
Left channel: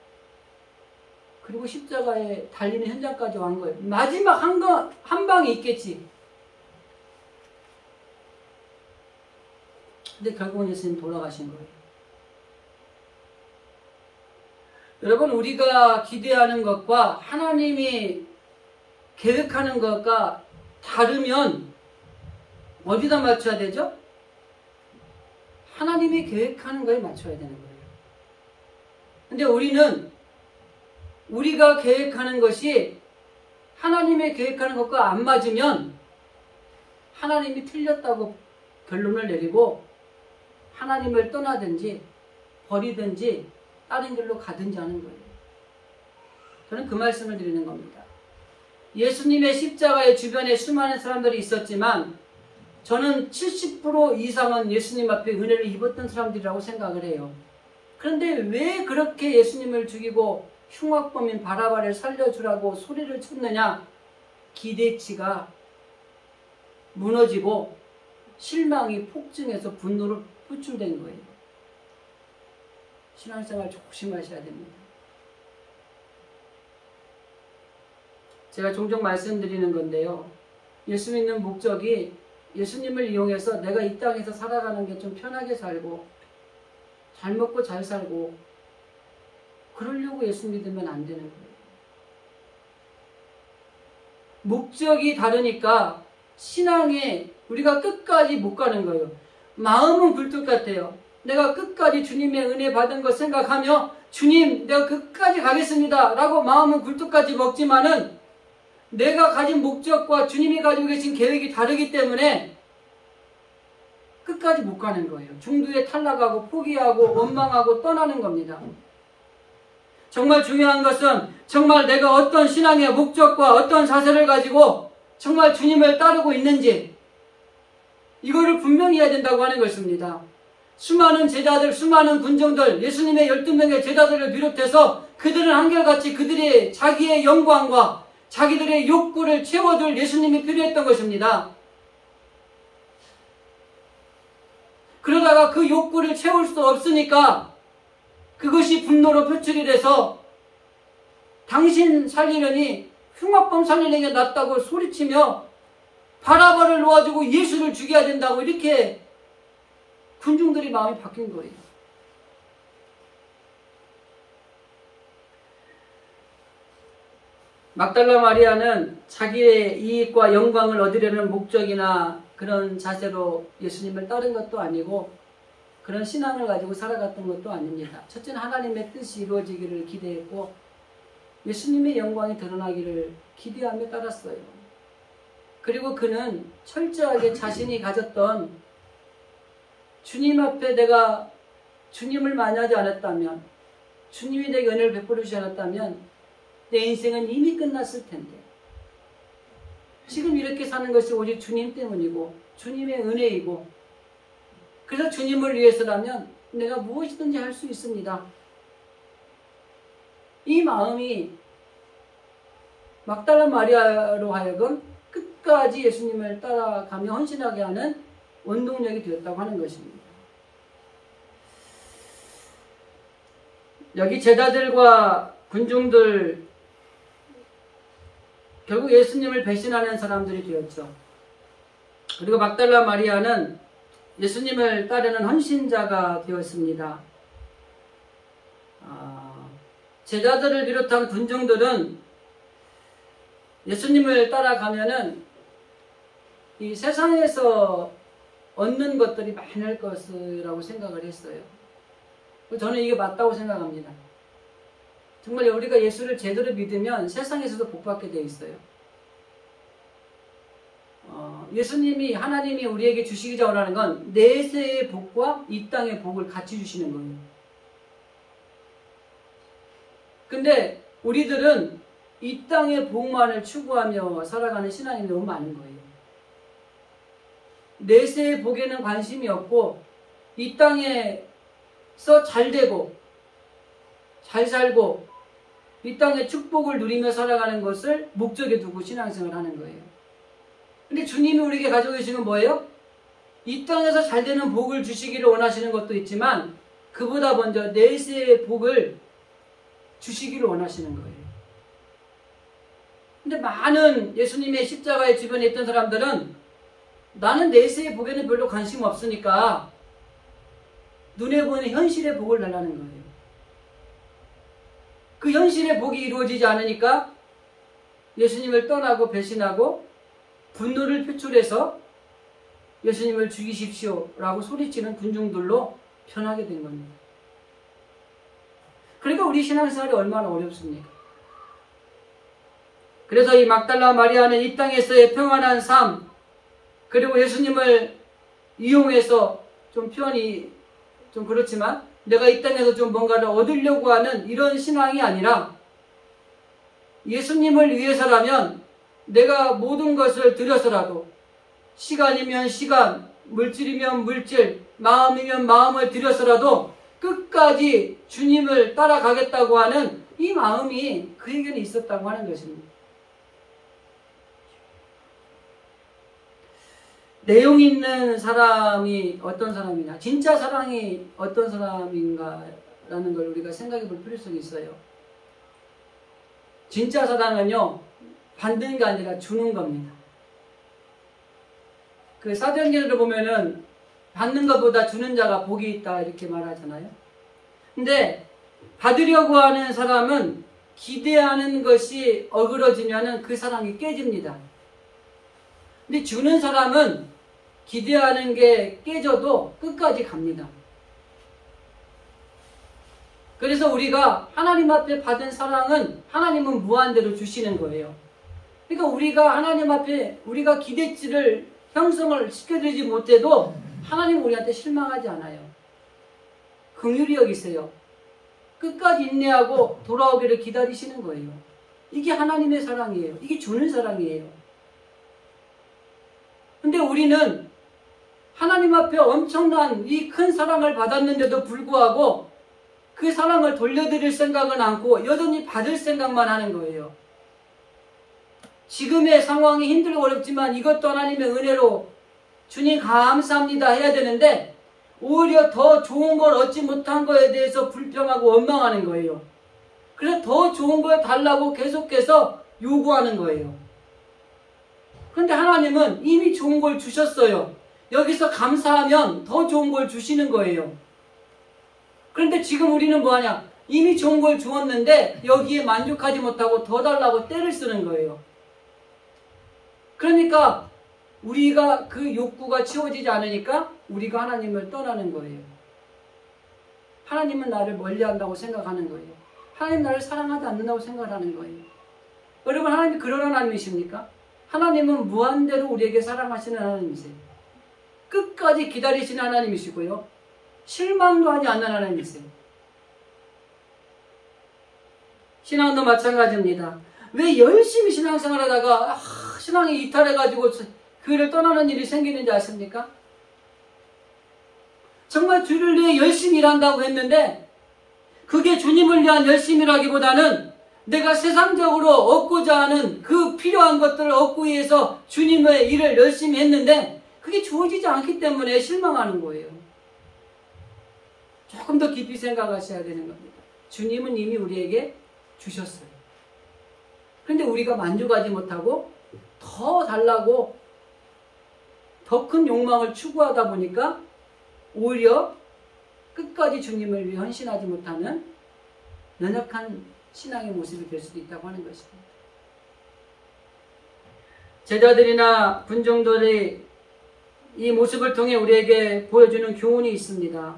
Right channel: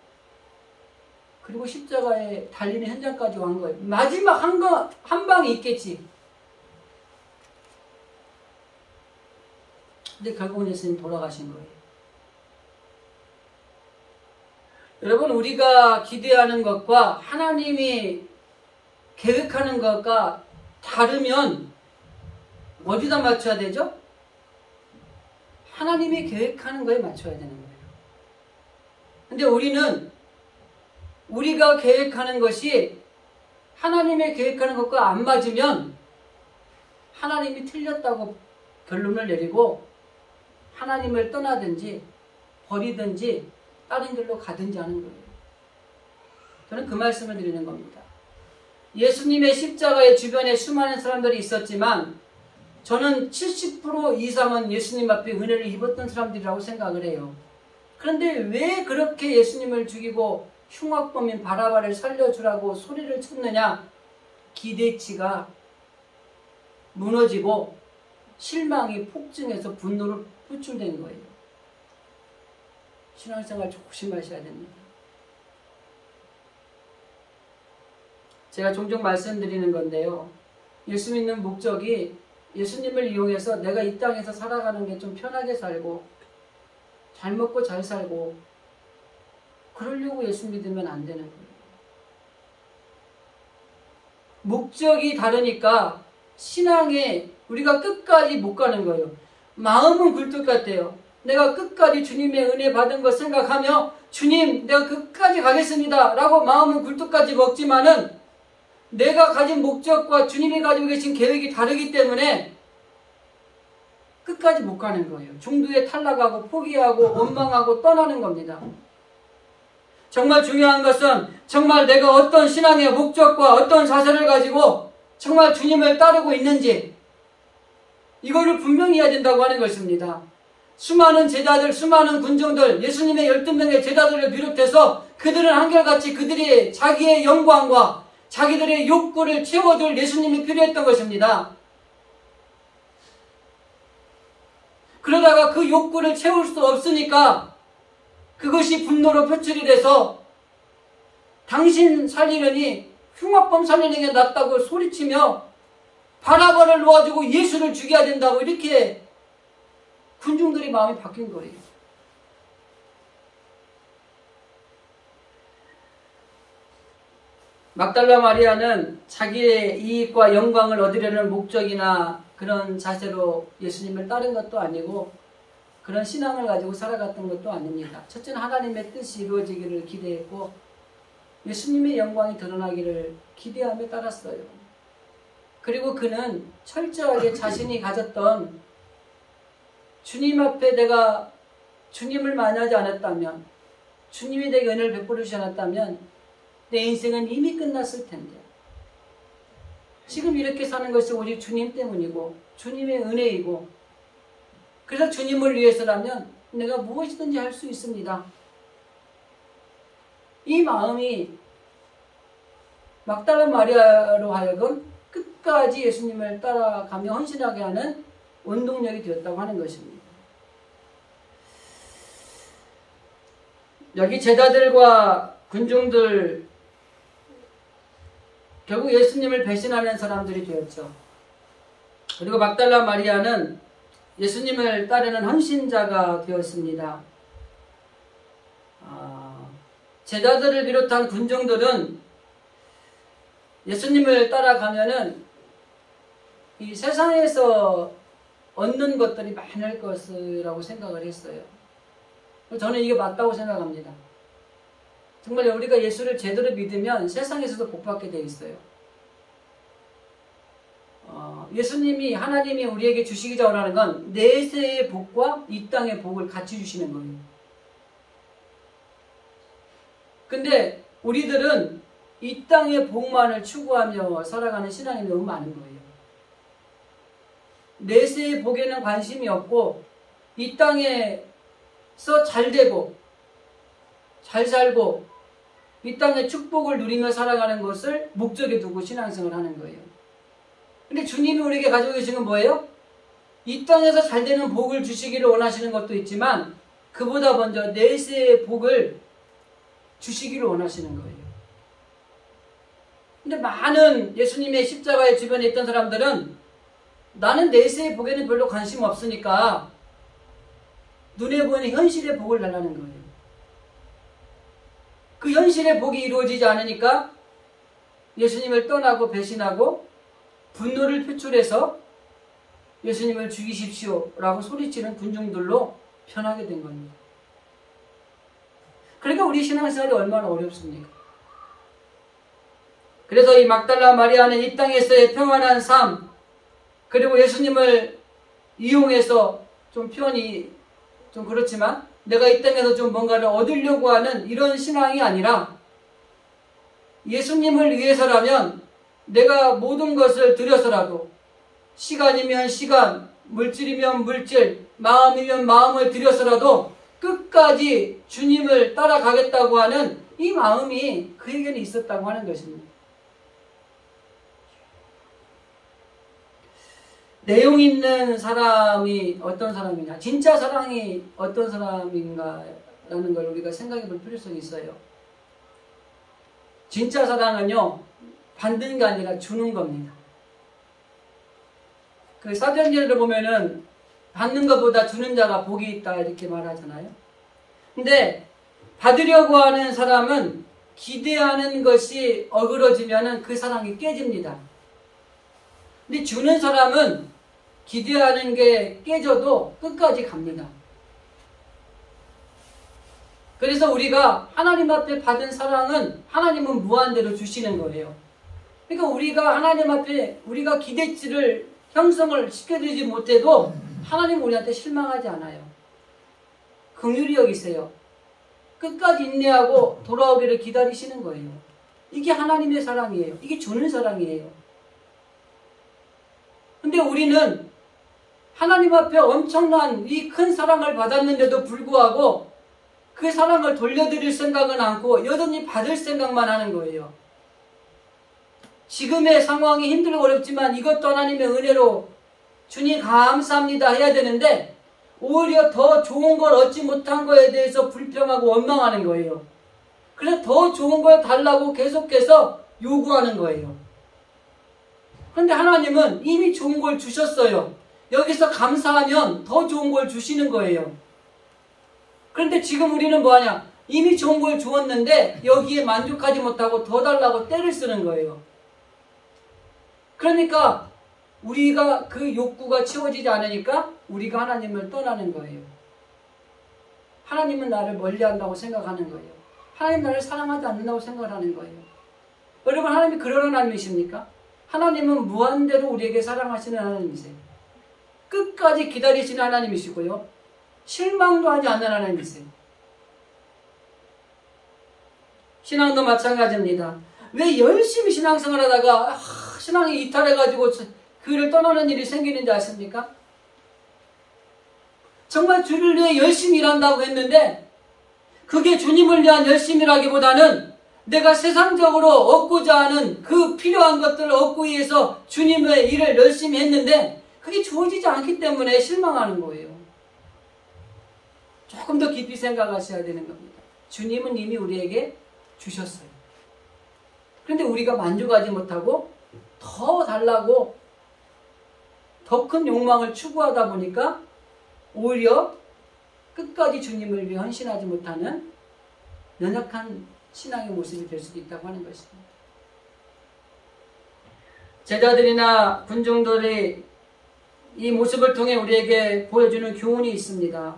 그리고 십자가에 달리는 현장까지 온 거예요. 마지막 한 방이 있겠지. 근데 결국은 예수님 돌아가신 거예요. 여러분, 우리가 기대하는 것과 하나님이 계획하는 것과 다르면 어디다 맞춰야 되죠? 하나님이 계획하는 거에 맞춰야 되는 거예요. 근데 우리가 계획하는 것이 하나님의 계획하는 것과 안 맞으면 하나님이 틀렸다고 결론을 내리고 하나님을 떠나든지 버리든지 다른 길로 가든지 하는 거예요. 저는 그 말씀을 드리는 겁니다. 예수님의 십자가의 주변에 수많은 사람들이 있었지만 저는 70% 이상은 예수님 앞에 은혜를 입었던 사람들이라고 생각을 해요. 그런데 왜 그렇게 예수님을 죽이고 흉악범인 바라바를 살려주라고 소리를 쳤느냐? 기대치가 무너지고 실망이 폭증해서 분노로 표출된 거예요. 신앙생활 조심하셔야 됩니다. 제가 종종 말씀드리는 건데요. 예수 믿는 목적이 예수님을 이용해서 내가 이 땅에서 살아가는 게 좀 편하게 살고 잘 먹고 잘 살고 그러려고 예수 믿으면 안 되는 거예요. 목적이 다르니까 신앙에 우리가 끝까지 못 가는 거예요. 마음은 굴뚝 같아요. 내가 끝까지 주님의 은혜 받은 거 생각하며 주님 내가 끝까지 가겠습니다 라고 마음은 굴뚝까지 먹지만은 내가 가진 목적과 주님이 가지고 계신 계획이 다르기 때문에 끝까지 못 가는 거예요. 중도에 탈락하고 포기하고 원망하고 떠나는 겁니다. 정말 중요한 것은 정말 내가 어떤 신앙의 목적과 어떤 자세를 가지고 정말 주님을 따르고 있는지 이거를 분명히 해야 된다고 하는 것입니다. 수많은 제자들, 수많은 군중들, 예수님의 12명의 제자들을 비롯해서 그들은 한결같이 그들의 자기의 영광과 자기들의 욕구를 채워줄 예수님이 필요했던 것입니다. 그러다가 그 욕구를 채울 수 없으니까 그것이 분노로 표출이 돼서 당신 살리려니 흉악범 살리는 게 낫다고 소리치며 바라바를 놓아주고 예수를 죽여야 된다고 이렇게 군중들이 마음이 바뀐 거예요. 막달라 마리아는 자기의 이익과 영광을 얻으려는 목적이나 그런 자세로 예수님을 따른 것도 아니고 그런 신앙을 가지고 살아갔던 것도 아닙니다. 첫째는 하나님의 뜻이 이루어지기를 기대했고 예수님의 영광이 드러나기를 기대하며 따랐어요. 그리고 그는 철저하게 자신이 가졌던 주님 앞에 내가 주님을 만나지 않았다면 주님이 내게 은혜를 베풀어 주지 않았다면 내 인생은 이미 끝났을 텐데 지금 이렇게 사는 것이 오직 주님 때문이고 주님의 은혜이고 그래서 주님을 위해서라면 내가 무엇이든지 할 수 있습니다. 이 마음이 막달라 마리아로 하여금 끝까지 예수님을 따라가며 헌신하게 하는 원동력이 되었다고 하는 것입니다. 여기 제자들과 군중들 결국 예수님을 배신하는 사람들이 되었죠. 그리고 막달라 마리아는 예수님을 따르는 헌신자가 되었습니다. 제자들을 비롯한 군중들은 예수님을 따라가면은 이 세상에서 얻는 것들이 많을 것이라고 생각을 했어요. 저는 이게 맞다고 생각합니다. 정말 우리가 예수를 제대로 믿으면 세상에서도 복받게 되어 있어요. 예수님이, 하나님이 우리에게 주시기자 원하는 건 내세의 복과 이 땅의 복을 같이 주시는 거예요. 근데 우리들은 이 땅의 복만을 추구하며 살아가는 신앙이 너무 많은 거예요. 내세의 복에는 관심이 없고 이 땅에서 잘 되고 잘 살고 이 땅의 축복을 누리며 살아가는 것을 목적에 두고 신앙생활을 하는 거예요. 근데 주님이 우리에게 가지고 계신 건 뭐예요? 이 땅에서 잘 되는 복을 주시기를 원하시는 것도 있지만 그보다 먼저 내세의 복을 주시기를 원하시는 거예요. 근데 많은 예수님의 십자가의 주변에 있던 사람들은 나는 내세의 복에는 별로 관심 없으니까 눈에 보이는 현실의 복을 달라는 거예요. 그 현실의 복이 이루어지지 않으니까 예수님을 떠나고 배신하고 분노를 표출해서 예수님을 죽이십시오 라고 소리치는 군중들로 변하게 된 겁니다. 그러니까 우리 신앙생활이 얼마나 어렵습니까? 그래서 이 막달라 마리아는 이 땅에서의 평안한 삶, 그리고 예수님을 이용해서 좀 표현이 좀 그렇지만 내가 이 땅에서 좀 뭔가를 얻으려고 하는 이런 신앙이 아니라 예수님을 위해서라면 내가 모든 것을 들여서라도 시간이면 시간, 물질이면 물질, 마음이면 마음을 들여서라도 끝까지 주님을 따라가겠다고 하는 이 마음이 그에게는 있었다고 하는 것입니다. 내용 있는 사람이 어떤 사람이냐, 진짜 사랑이 어떤 사람인가라는 걸 우리가 생각해 볼 필요성이 있어요. 진짜 사랑은요, 받는 게 아니라 주는 겁니다. 그 사도행전을 보면은 받는 것보다 주는 자가 복이 있다 이렇게 말하잖아요. 근데 받으려고 하는 사람은 기대하는 것이 어그러지면은 그 사랑이 깨집니다. 근데 주는 사람은 기대하는 게 깨져도 끝까지 갑니다. 그래서 우리가 하나님 앞에 받은 사랑은 하나님은 무한대로 주시는 거예요. 그러니까 우리가 하나님 앞에 우리가 기대치를 형성을 시켜드리지 못해도 하나님은 우리한테 실망하지 않아요. 긍휼히 여기세요. 끝까지 인내하고 돌아오기를 기다리시는 거예요. 이게 하나님의 사랑이에요. 이게 주는 사랑이에요. 근데 우리는 하나님 앞에 엄청난 이 큰 사랑을 받았는데도 불구하고 그 사랑을 돌려드릴 생각은 않고 여전히 받을 생각만 하는 거예요. 지금의 상황이 힘들고 어렵지만 이것도 하나님의 은혜로 주님 감사합니다 해야 되는데 오히려 더 좋은 걸 얻지 못한 거에 대해서 불평하고 원망하는 거예요. 그래서 더 좋은 걸 달라고 계속해서 요구하는 거예요. 그런데 하나님은 이미 좋은 걸 주셨어요. 여기서 감사하면 더 좋은 걸 주시는 거예요. 그런데 지금 우리는 뭐하냐? 이미 좋은 걸 주었는데 여기에 만족하지 못하고 더 달라고 떼를 쓰는 거예요. 그러니까 우리가 그 욕구가 채워지지 않으니까 우리가 하나님을 떠나는 거예요. 하나님은 나를 멀리한다고 생각하는 거예요. 하나님 나를 사랑하지 않는다고 생각하는 거예요. 여러분, 하나님이 그런 하나님이십니까? 하나님은 무한대로 우리에게 사랑하시는 하나님이세요. 끝까지 기다리시는 하나님이시고요. 실망도 하지 않는 하나님이세요. 신앙도 마찬가지입니다. 왜 열심히 신앙생활 하다가 신앙이 이탈해가지고 교회를 떠나는 일이 생기는지 아십니까? 정말 주를 위해 열심히 일한다고 했는데 그게 주님을 위한 열심이라기보다는 내가 세상적으로 얻고자 하는 그 필요한 것들을 얻기 위해서 주님의 일을 열심히 했는데 그게 주어지지 않기 때문에 실망하는 거예요. 조금 더 깊이 생각하셔야 되는 겁니다. 주님은 이미 우리에게 주셨어요. 그런데 우리가 만족하지 못하고 더 달라고 더 큰 욕망을 추구하다 보니까 오히려 끝까지 주님을 위해 헌신하지 못하는 연약한 신앙의 모습이 될 수도 있다고 하는 것입니다. 제자들이나 군중들이 이 모습을 통해 우리에게 보여주는 교훈이 있습니다.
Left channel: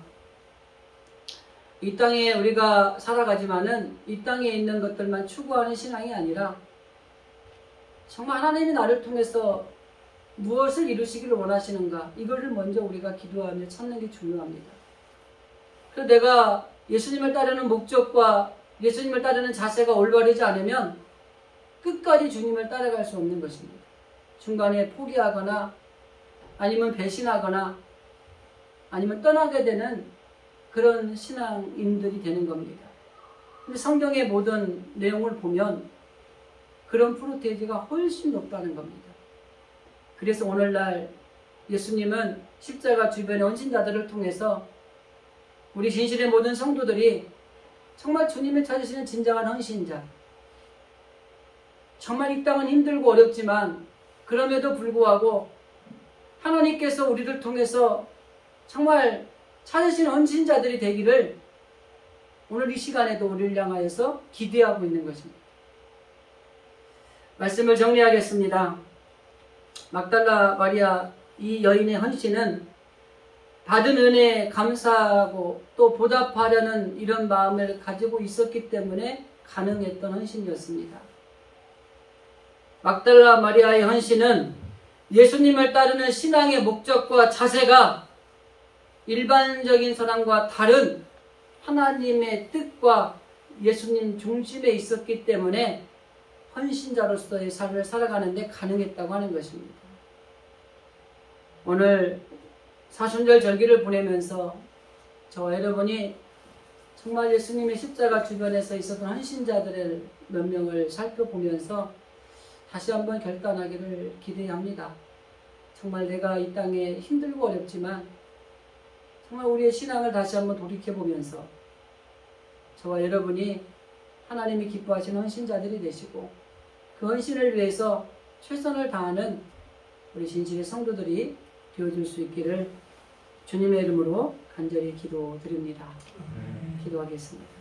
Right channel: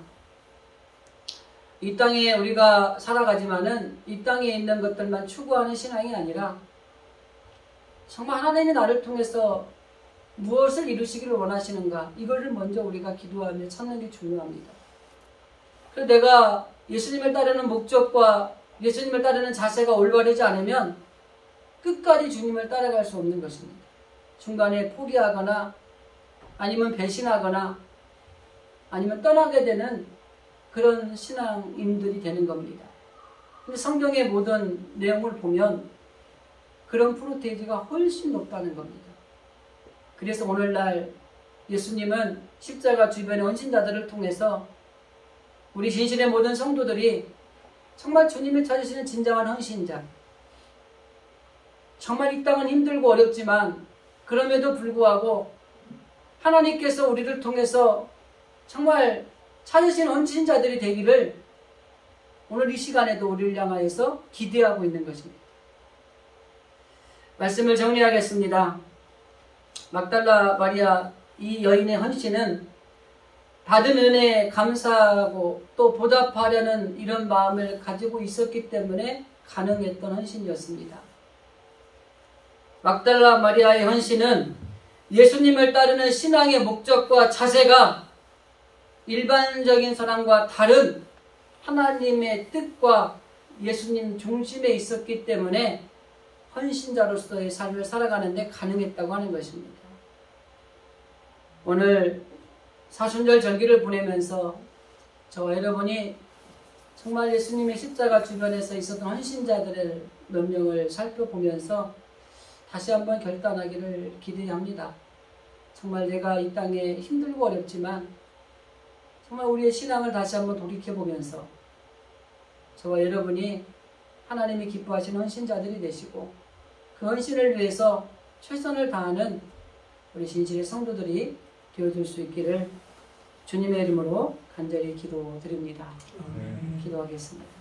이 땅에 우리가 살아가지만은 이 땅에 있는 것들만 추구하는 신앙이 아니라 정말 하나님이 나를 통해서 무엇을 이루시기를 원하시는가, 이거를 먼저 우리가 기도하며 찾는 게 중요합니다. 그래서 내가 예수님을 따르는 목적과 예수님을 따르는 자세가 올바르지 않으면 끝까지 주님을 따라갈 수 없는 것입니다. 중간에 포기하거나 아니면 배신하거나 아니면 떠나게 되는 그런 신앙인들이 되는 겁니다. 근데 성경의 모든 내용을 보면 그런 프로테이지가 훨씬 높다는 겁니다. 그래서 오늘날 예수님은 십자가 주변의 헌신자들을 통해서 우리 진실의 모든 성도들이 정말 주님이 찾으시는 진정한 헌신자, 정말 이 땅은 힘들고 어렵지만 그럼에도 불구하고 하나님께서 우리를 통해서 정말 찾으신 헌신자들이 되기를 오늘 이 시간에도 우리를 향하여서 기대하고 있는 것입니다. 말씀을 정리하겠습니다. 막달라 마리아 이 여인의 헌신은 받은 은혜에 감사하고 또 보답하려는 이런 마음을 가지고 있었기 때문에 가능했던 헌신이었습니다. 막달라 마리아의 헌신은 예수님을 따르는 신앙의 목적과 자세가 일반적인 사람과 다른 하나님의 뜻과 예수님 중심에 있었기 때문에 헌신자로서의 삶을 살아가는데 가능했다고 하는 것입니다. 오늘 사순절 절기를 보내면서 저와 여러분이 정말 예수님의 십자가 주변에서 있었던 헌신자들의 몇 명을 살펴보면서 다시 한번 결단하기를 기대합니다. 정말 내가 이 땅에 힘들고 어렵지만 정말 우리의 신앙을 다시 한번 돌이켜보면서 저와 여러분이 하나님이 기뻐하시는 헌신자들이 되시고 그 헌신을 위해서 최선을 다하는 우리 진실의 성도들이 되어줄 수 있기를 주님의 이름으로 간절히 기도드립니다. 기도하겠습니다.